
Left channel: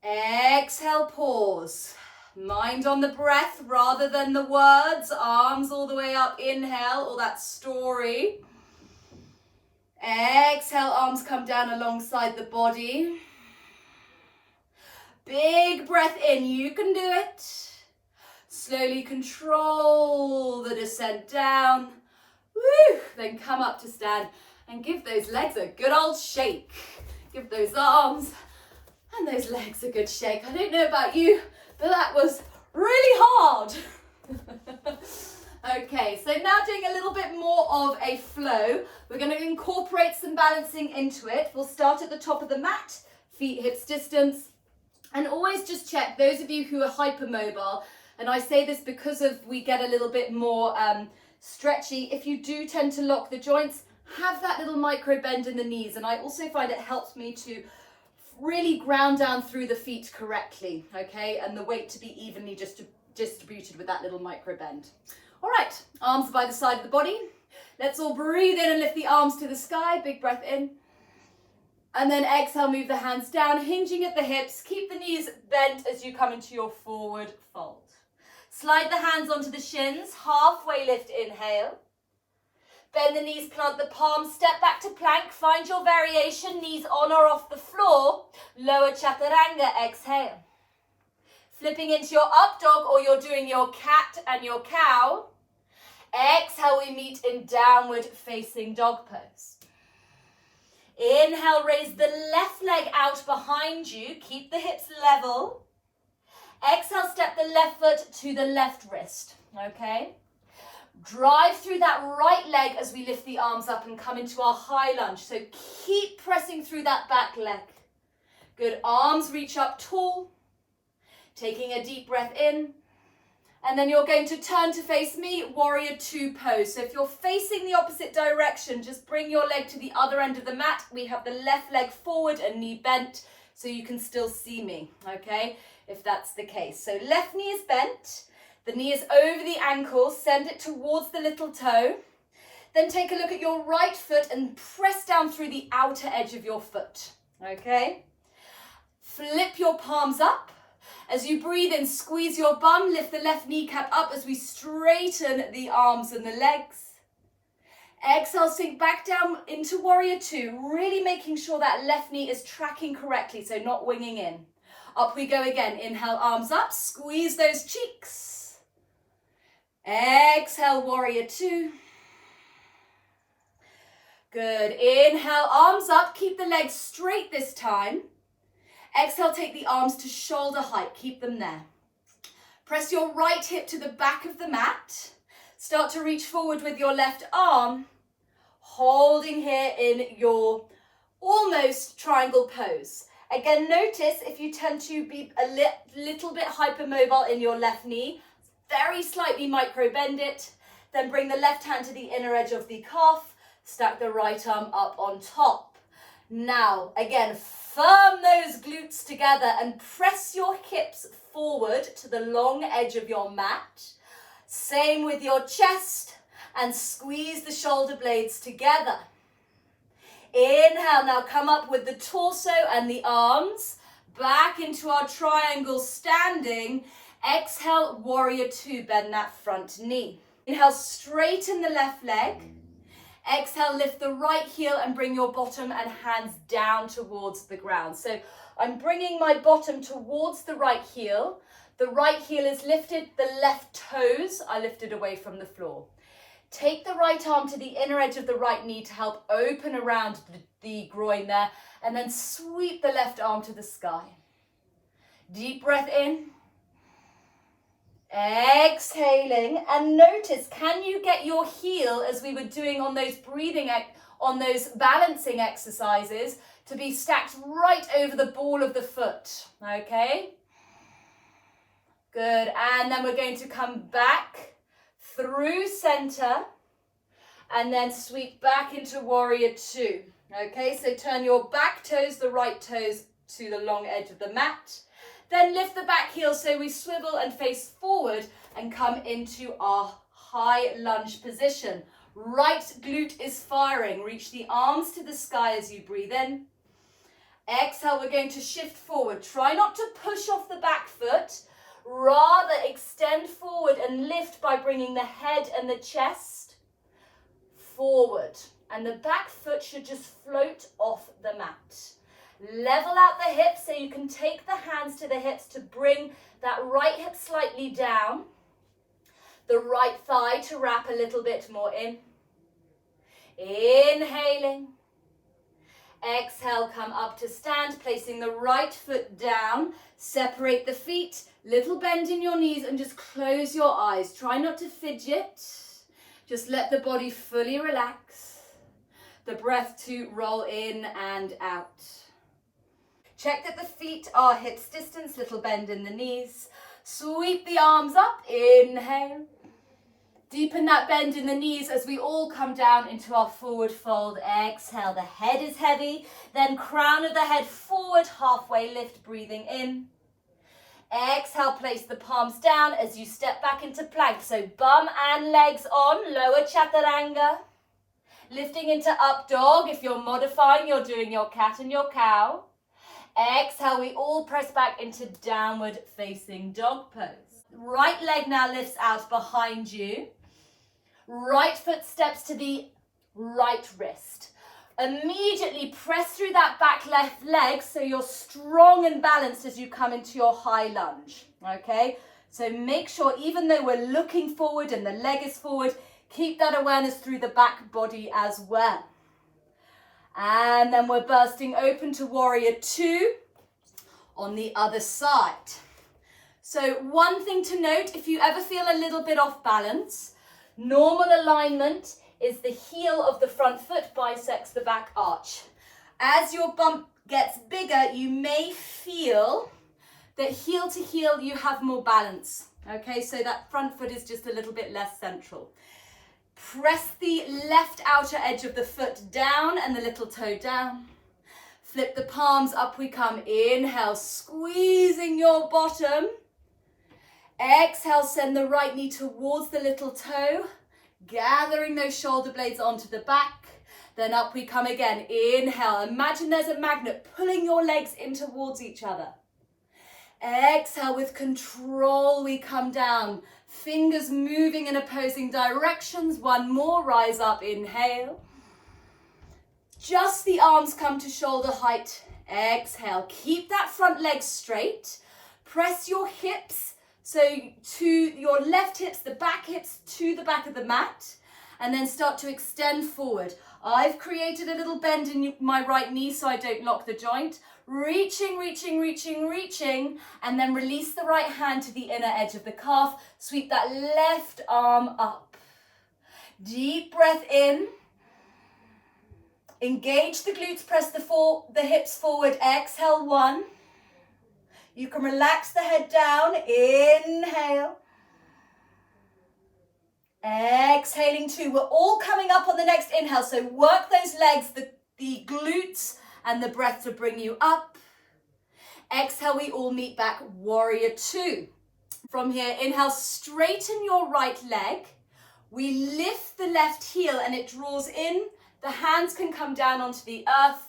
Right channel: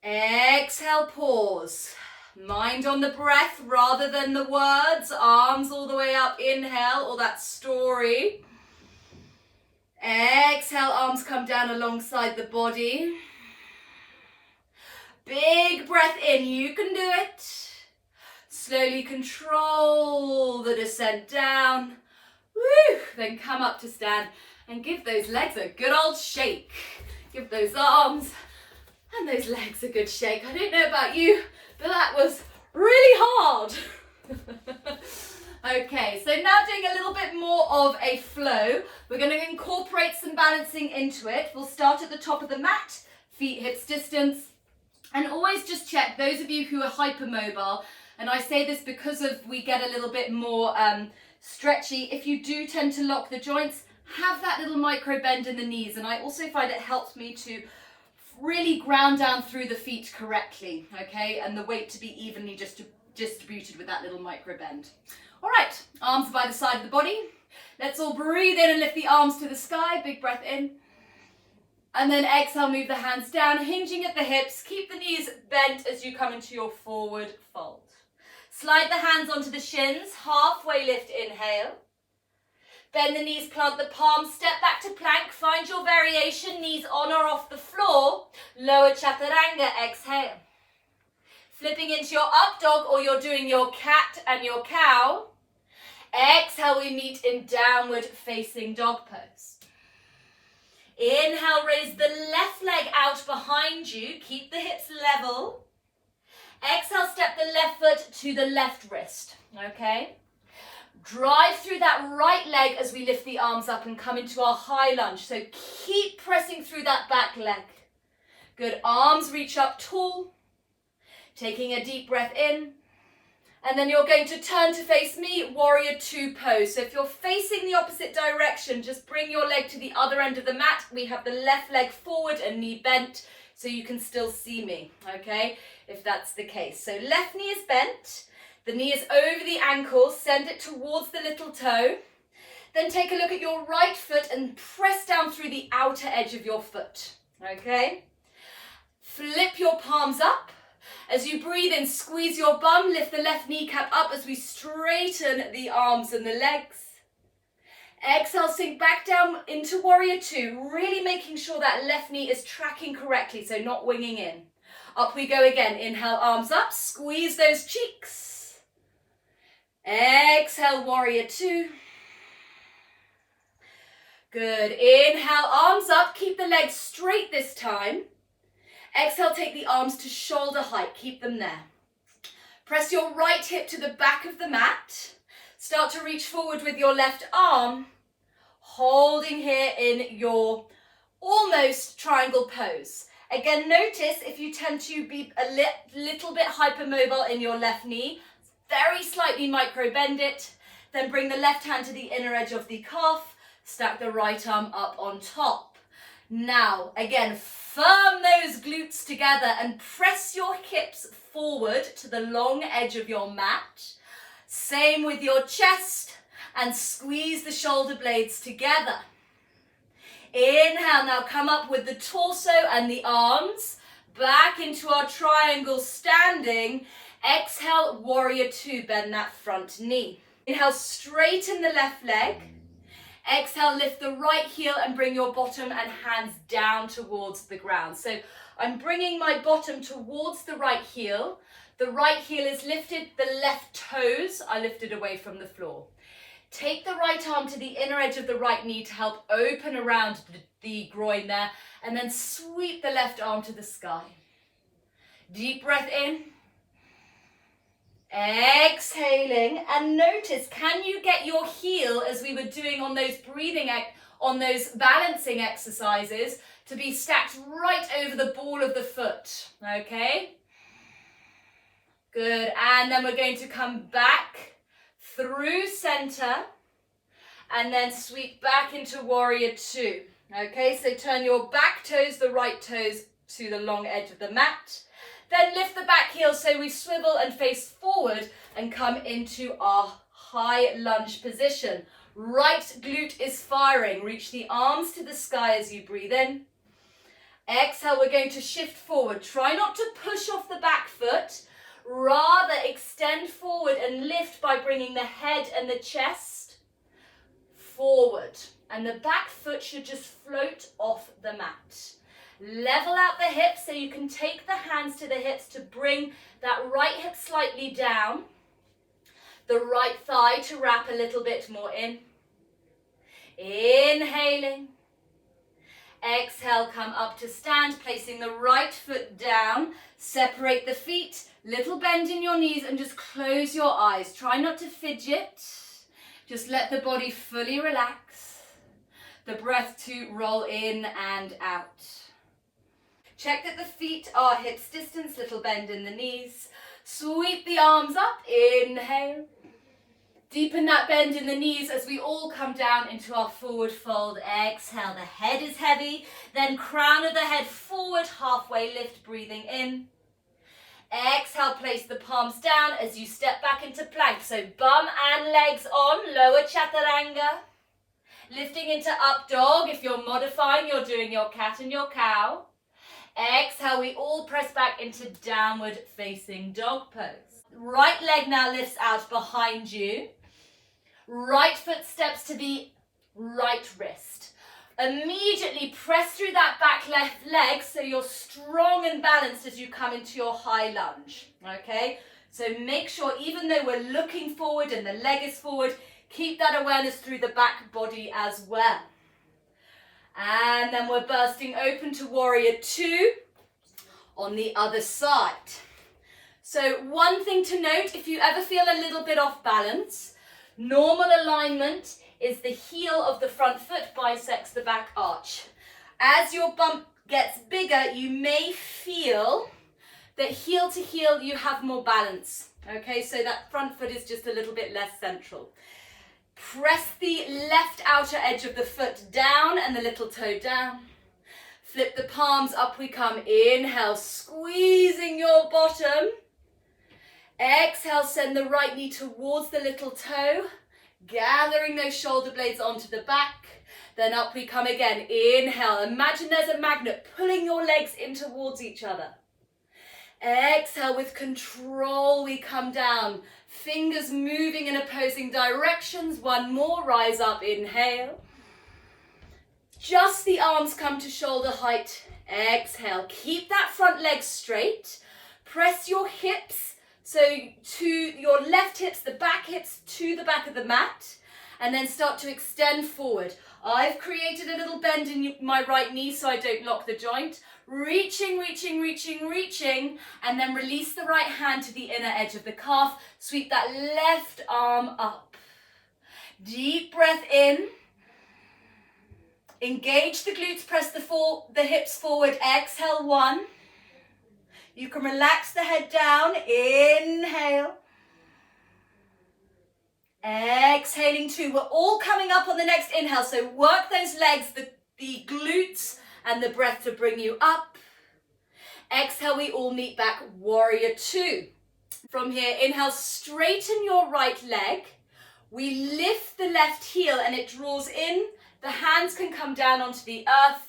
Exhale, pause. Mind on the breath rather than the words. Arms all the way up, inhale, or that story. Exhale, arms come down alongside the body. Big breath in, you can do it. Slowly control the descent down. Woo! Then come up to stand and give those legs a good old shake. Give those arms and those legs a good shake. I don't know about you, but that was really hard. Okay, so now doing a little bit more of a flow. We're going to incorporate some balancing into it. We'll start at the top of the mat, feet hips distance, and always just check, those of you who are hypermobile, and I say this because of we get a little bit more stretchy, if you do tend to lock the joints, have that little micro bend in the knees, and I also find it helps me to really ground down through the feet correctly, okay, and the weight to be evenly distributed with that little micro bend. All right, arms by the side of the body. Let's all breathe in and lift the arms to the sky. Big breath in. And then exhale, move the hands down, hinging at the hips. Keep the knees bent as you come into your forward fold. Slide the hands onto the shins. Halfway lift, inhale. Bend the knees, plant the palms, step back to plank. Find your variation, knees on or off the floor. Lower chaturanga, exhale. Flipping into your up dog, or you're doing your cat and your cow. Exhale, we meet in downward facing dog pose. Inhale, raise the left leg out behind you. Keep the hips level. Exhale, step the left foot to the left wrist, okay? Drive through that right leg as we lift the arms up and come into our high lunge. So keep pressing through that back leg. Good, arms reach up tall. Taking a deep breath in, and then you're going to turn to face me, warrior two pose. So if you're facing the opposite direction, just bring your leg to the other end of the mat. We have the left leg forward and knee bent, so you can still see me, okay, if that's the case. So left knee is bent, the knee is over the ankle, send it towards the little toe. Then take a look at your right foot and press down through the outer edge of your foot, okay? Flip your palms up. As you breathe in, squeeze your bum, lift the left kneecap up as we straighten the arms and the legs. Exhale, sink back down into warrior two, really making sure that left knee is tracking correctly, so not winging in. Up we go again. Inhale, arms up, squeeze those cheeks. Exhale, warrior two. Good. Inhale, arms up, keep the legs straight this time. Exhale, take the arms to shoulder height. Keep them there. Press your right hip to the back of the mat. Start to reach forward with your left arm, holding here in your almost triangle pose. Again, notice if you tend to be a little bit hypermobile in your left knee, very slightly micro bend it. Then bring the left hand to the inner edge of the calf. Stack the right arm up on top. Now, again, firm those glutes together and press your hips forward to the long edge of your mat. Same with your chest, and squeeze the shoulder blades together. Inhale, now come up with the torso and the arms, back into our triangle standing. Exhale, warrior two, bend that front knee. Inhale, straighten the left leg. Exhale, lift the right heel and bring your bottom and hands down towards the ground. So I'm bringing my bottom towards the right heel. The right heel is lifted, the left toes are lifted away from the floor. Take the right arm to the inner edge of the right knee to help open around the groin there, and then sweep the left arm to the sky. Deep breath in. Exhaling, and notice, can you get your heel, as we were doing on those on those balancing exercises, to be stacked right over the ball of the foot, okay? Good, and then we're going to come back through center, and then sweep back into warrior two, okay? So turn your back toes, the right toes, to the long edge of the mat. Then lift the back heel so we swivel and face forward and come into our high lunge position. Right glute is firing. Reach the arms to the sky as you breathe in. Exhale, we're going to shift forward. Try not to push off the back foot. Rather extend forward and lift by bringing the head and the chest forward. And the back foot should just float off the mat. Level out the hips so you can take the hands to the hips to bring that right hip slightly down. The right thigh to wrap a little bit more in. Inhaling. Exhale, come up to stand, placing the right foot down. Separate the feet, little bend in your knees and just close your eyes. Try not to fidget. Just let the body fully relax. The breath to roll in and out. Check that the feet are hips distance, little bend in the knees. Sweep the arms up, inhale. Deepen that bend in the knees as we all come down into our forward fold. Exhale, the head is heavy. Then crown of the head forward, halfway lift, breathing in. Exhale, place the palms down as you step back into plank. So bum and legs on, lower chaturanga. Lifting into up dog. If you're modifying, you're doing your cat and your cow. Exhale, we all press back into downward facing dog pose. Right leg now lifts out behind you. Right foot steps to the right wrist. Immediately press through that back left leg so you're strong and balanced as you come into your high lunge. Okay, so make sure even though we're looking forward and the leg is forward, keep that awareness through the back body as well. And then we're bursting open to warrior two on the other side. So one thing to note, if you ever feel a little bit off balance, normal alignment is the heel of the front foot bisects the back arch. As your bump gets bigger, you may feel that heel to heel you have more balance. Okay, so that front foot is just a little bit less central. Press the left outer edge of the foot down and the little toe down. Flip the palms up we come. Inhale, squeezing your bottom. Exhale, send the right knee towards the little toe, gathering those shoulder blades onto the back. Then up we come again. Inhale, imagine there's a magnet pulling your legs in towards each other. Exhale, with control we come down. Fingers moving in opposing directions. One more, rise up, inhale. Just the arms come to shoulder height. Exhale, keep that front leg straight. Press your hips, so to your left hips, the back hips to the back of the mat. And then start to extend forward. I've created a little bend in my right knee so I don't lock the joint. Reaching, reaching, reaching, reaching, and then release the right hand to the inner edge of the calf. Sweep that left arm up. Deep breath in. Engage the glutes, press the hips forward. Exhale, one. You can relax the head down. Inhale. Exhaling two. We're all coming up on the next inhale, so work those legs, the glutes, and the breath to bring you up. Exhale, we all meet back, warrior two. From here, inhale, straighten your right leg. We lift the left heel and it draws in. The hands can come down onto the earth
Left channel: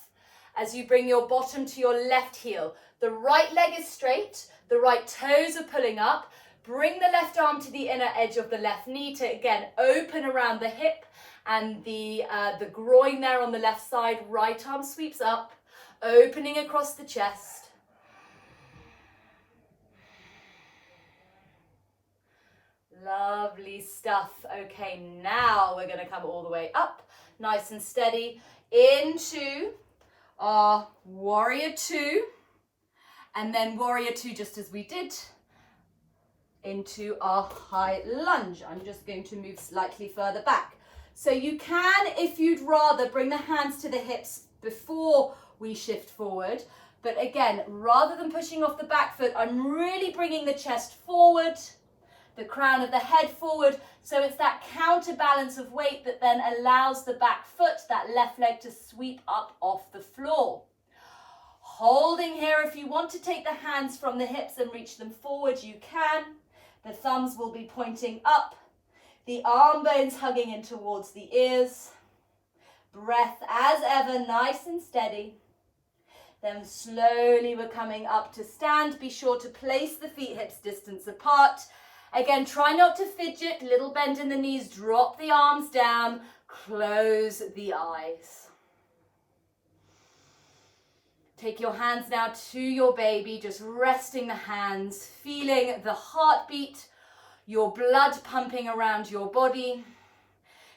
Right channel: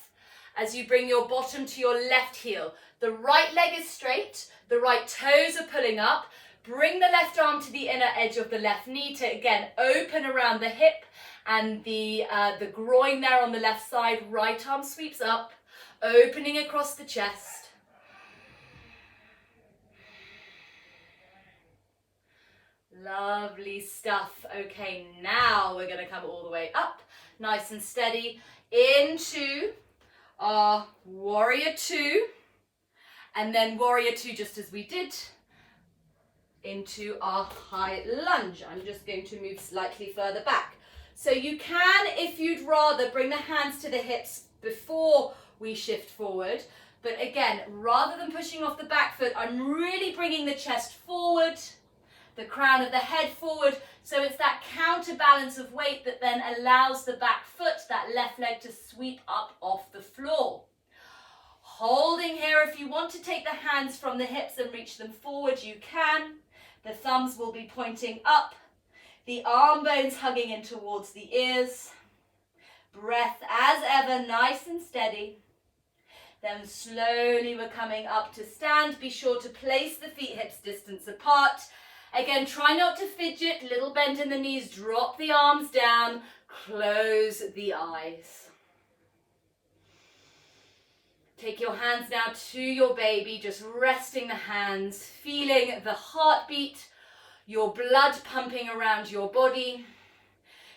as you bring your bottom to your left heel. The right leg is straight, the right toes are pulling up. Bring the left arm to the inner edge of the left knee to, again, open around the hip and the groin there on the left side. Right arm sweeps up, opening across the chest. Lovely stuff. Okay, now we're going to come all the way up, nice and steady, into our warrior two, and then warrior two just as we did, into our high lunge. I'm just going to move slightly further back. So you can, if you'd rather, bring the hands to the hips before we shift forward. But again, rather than pushing off the back foot, I'm really bringing the chest forward, the crown of the head forward. So it's that counterbalance of weight that then allows the back foot, that left leg, to sweep up off the floor. Holding here. If you want to take the hands from the hips and reach them forward, you can. The thumbs will be pointing up. The arm bones hugging in towards the ears. Breath as ever, nice and steady. Then slowly we're coming up to stand. Be sure to place the feet hips distance apart. Again, try not to fidget. Little bend in the knees. Drop the arms down. Close the eyes. Take your hands now to your baby, just resting the hands, feeling the heartbeat, your blood pumping around your body.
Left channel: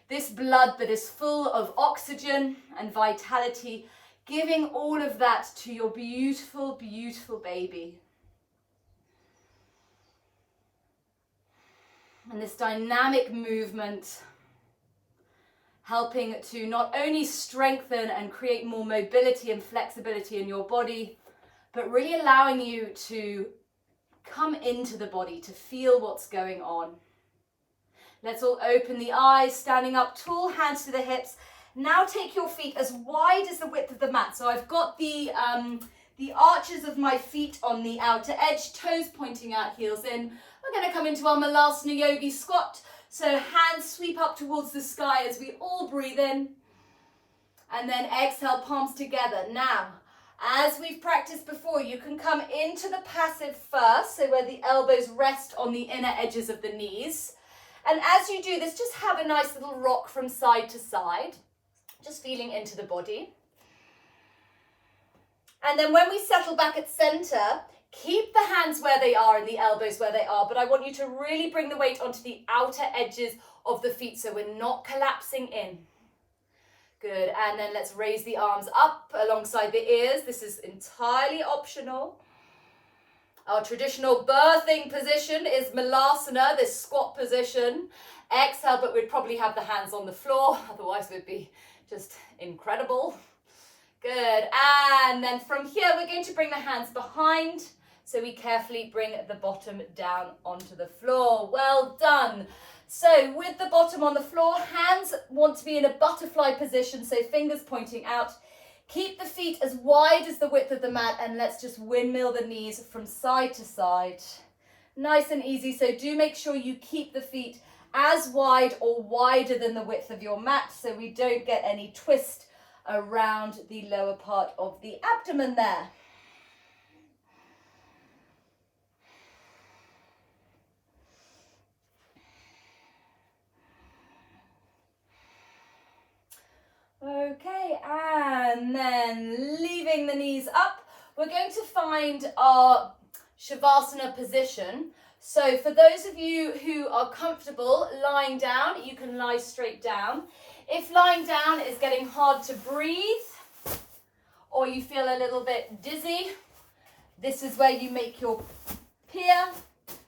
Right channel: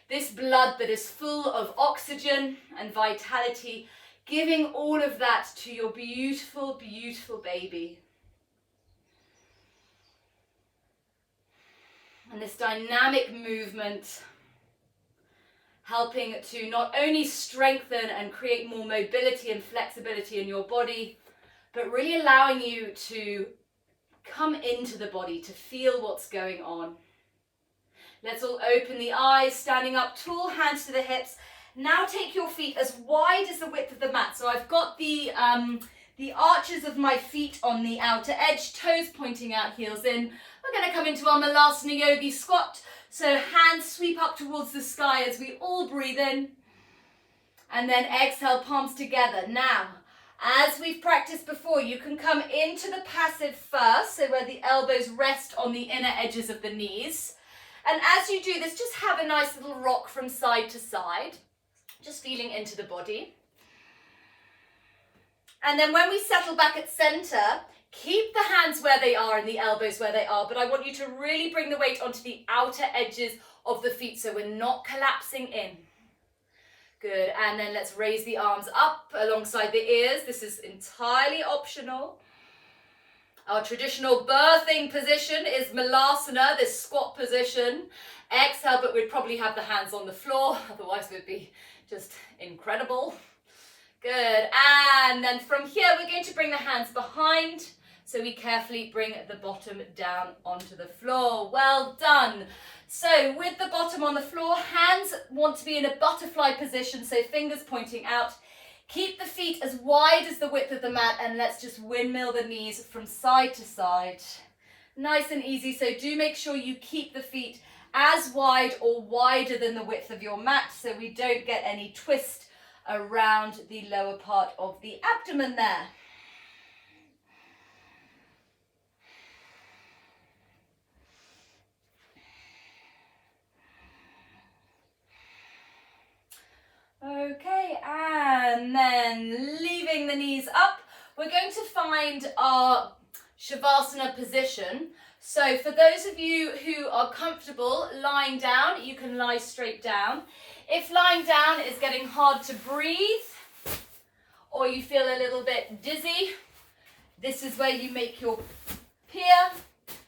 This blood that is full of oxygen and vitality, giving all of that to your beautiful, beautiful baby. And this dynamic movement helping to not only strengthen and create more mobility and flexibility in your body, but really allowing you to come into the body, to feel what's going on. Let's all open the eyes, standing up tall, hands to the hips. Now take your feet as wide as the width of the mat. So I've got the arches of my feet on the outer edge, toes pointing out, heels in. We're going to come into our Malasana Yogi Squat. So hands sweep up towards the sky as we all breathe in. And then exhale, palms together. Now, as we've practiced before, you can come into the passive first, so where the elbows rest on the inner edges of the knees. And as you do this, just have a nice little rock from side to side, just feeling into the body. And then when we settle back at center, keep the hands where they are and the elbows where they are, but I want you to really bring the weight onto the outer edges of the feet so we're not collapsing in. Good, and then let's raise the arms up alongside the ears. This is entirely optional. Our traditional birthing position is Malasana, this squat position. Exhale, but we'd probably have the hands on the floor, otherwise we'd be just incredible. Good, and then from here we're going to bring the hands behind. So we carefully bring the bottom down onto the floor. Well done. So with the bottom on the floor, hands want to be in a butterfly position, so fingers pointing out. Keep the feet as wide as the width of the mat, and let's just windmill the knees from side to side. Nice and easy, so do make sure you keep the feet as wide or wider than the width of your mat so we don't get any twist around the lower part of the abdomen there. Okay, and then leaving the knees up, we're going to find our Shavasana position. So for those of you who are comfortable lying down, you can lie straight down. If lying down is getting hard to breathe, or you feel a little bit dizzy, this is where you make your pier,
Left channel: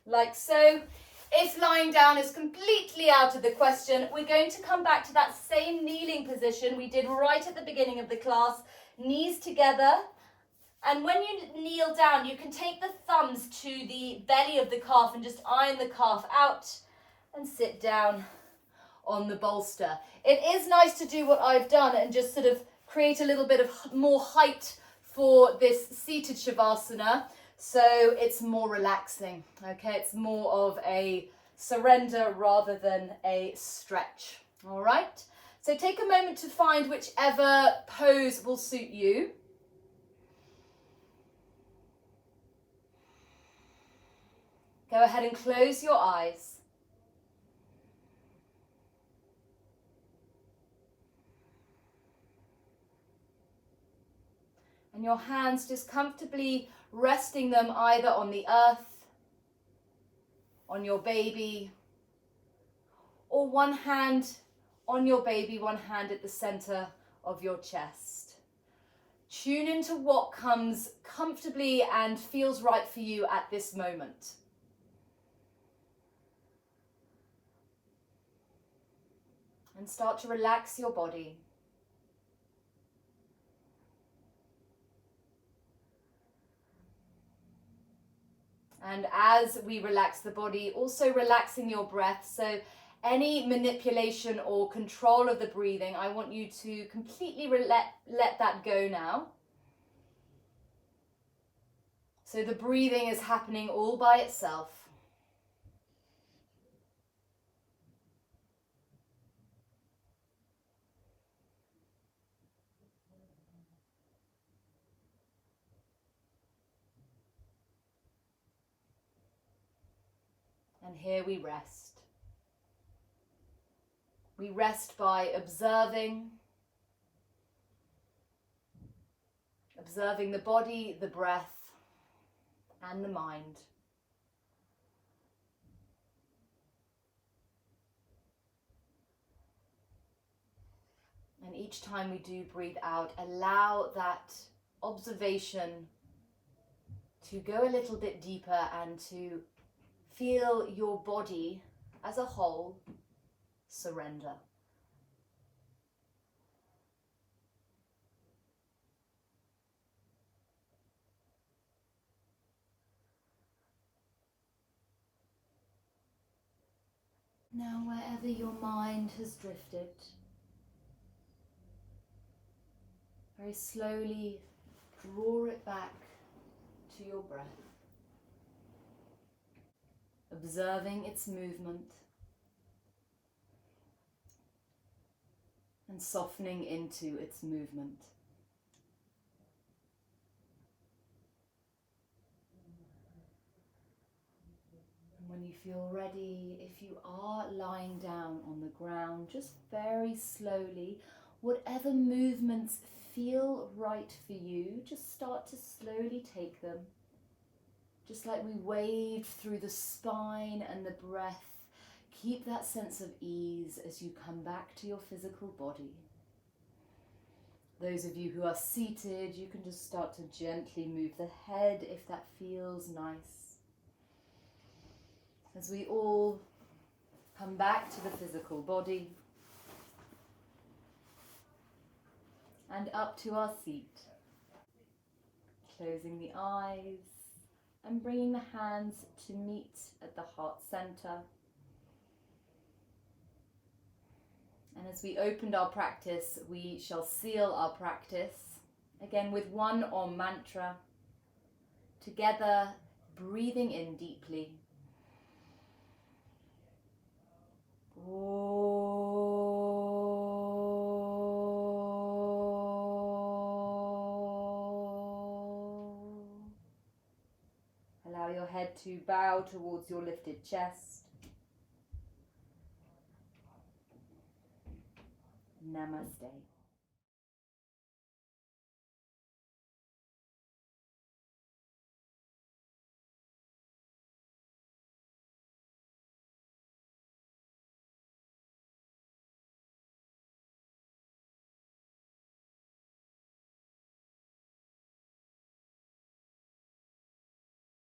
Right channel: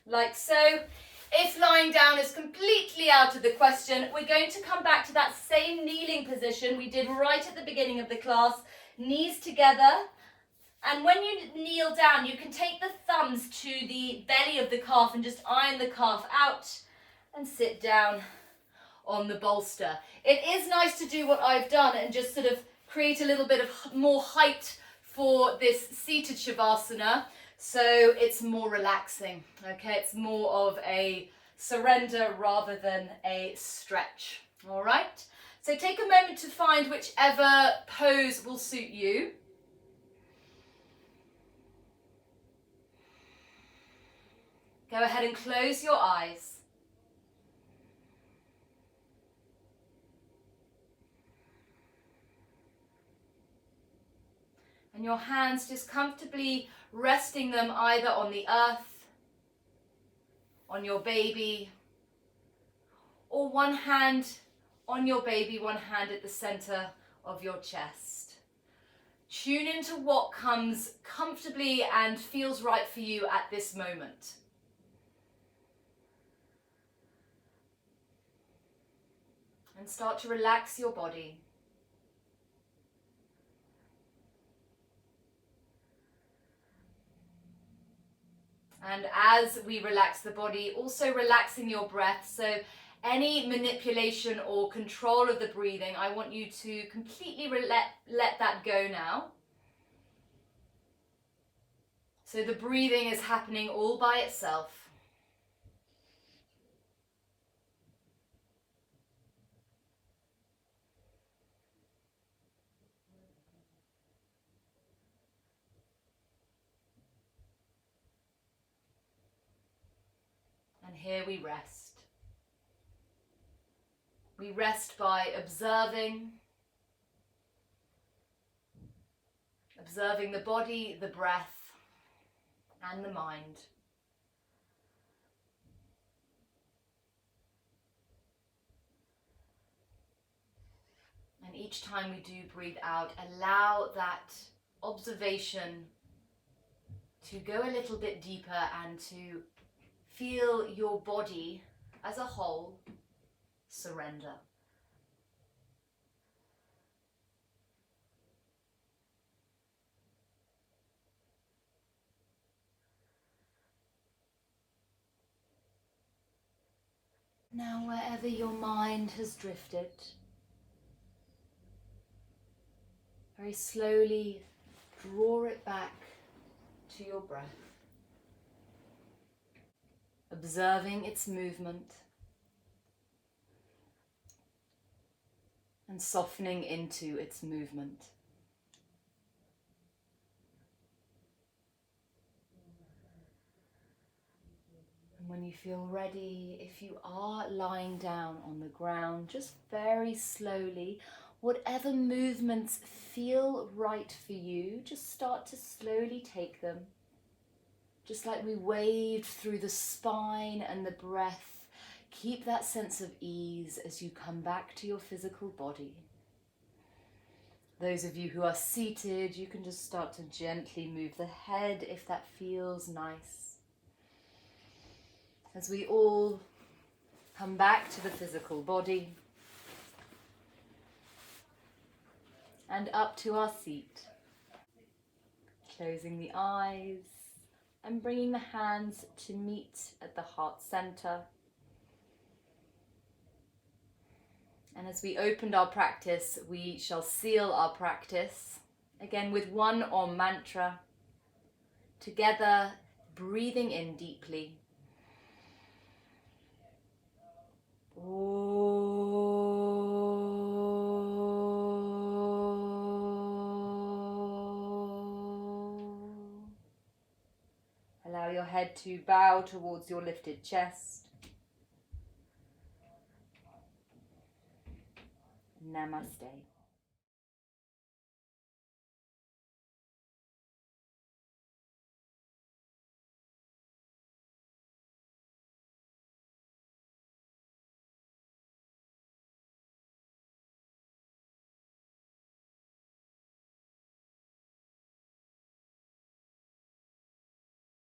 like so. If lying down is completely out of the question, we're going to come back to that same kneeling position we did right at the beginning of the class, knees together. And when you kneel down, you can take the thumbs to the belly of the calf and just iron the calf out and sit down on the bolster. It is nice to do what I've done and just sort of create a little bit of more height for this seated Shavasana. So it's more relaxing, okay? It's more of a surrender rather than a stretch, all right? So take a moment to find whichever pose will suit you. Go ahead and close your eyes. And your hands just comfortably resting them either on the earth, on your baby, or one hand on your baby, one hand at the center of your chest. Tune into what comes comfortably and feels right for you at this moment. And start to relax your body. And as we relax the body, also relaxing your breath. So any manipulation or control of the breathing, I want you to completely let that go now. So the breathing is happening all by itself. And here we rest. We rest by observing the body, the breath, and the mind. And each time we do breathe out, allow that observation to go a little bit deeper and to feel your body as a whole surrender. Now, wherever your mind has drifted, very slowly draw it back to your breath, observing its movement and softening into its movement. And when you feel ready, if you are lying down on the ground, just very slowly, whatever movements feel right for you, just start to slowly take them. Just like we waved through the spine and the breath, keep that sense of ease as you come back to your physical body. Those of you who are seated, you can just start to gently move the head if that feels nice. As we all come back to the physical body and up to our seat, closing the eyes and bringing the hands to meet at the heart center. And as we opened our practice, we shall seal our practice again with one Om mantra, together breathing in deeply. Allow your head to bow towards your lifted chest. Namaste.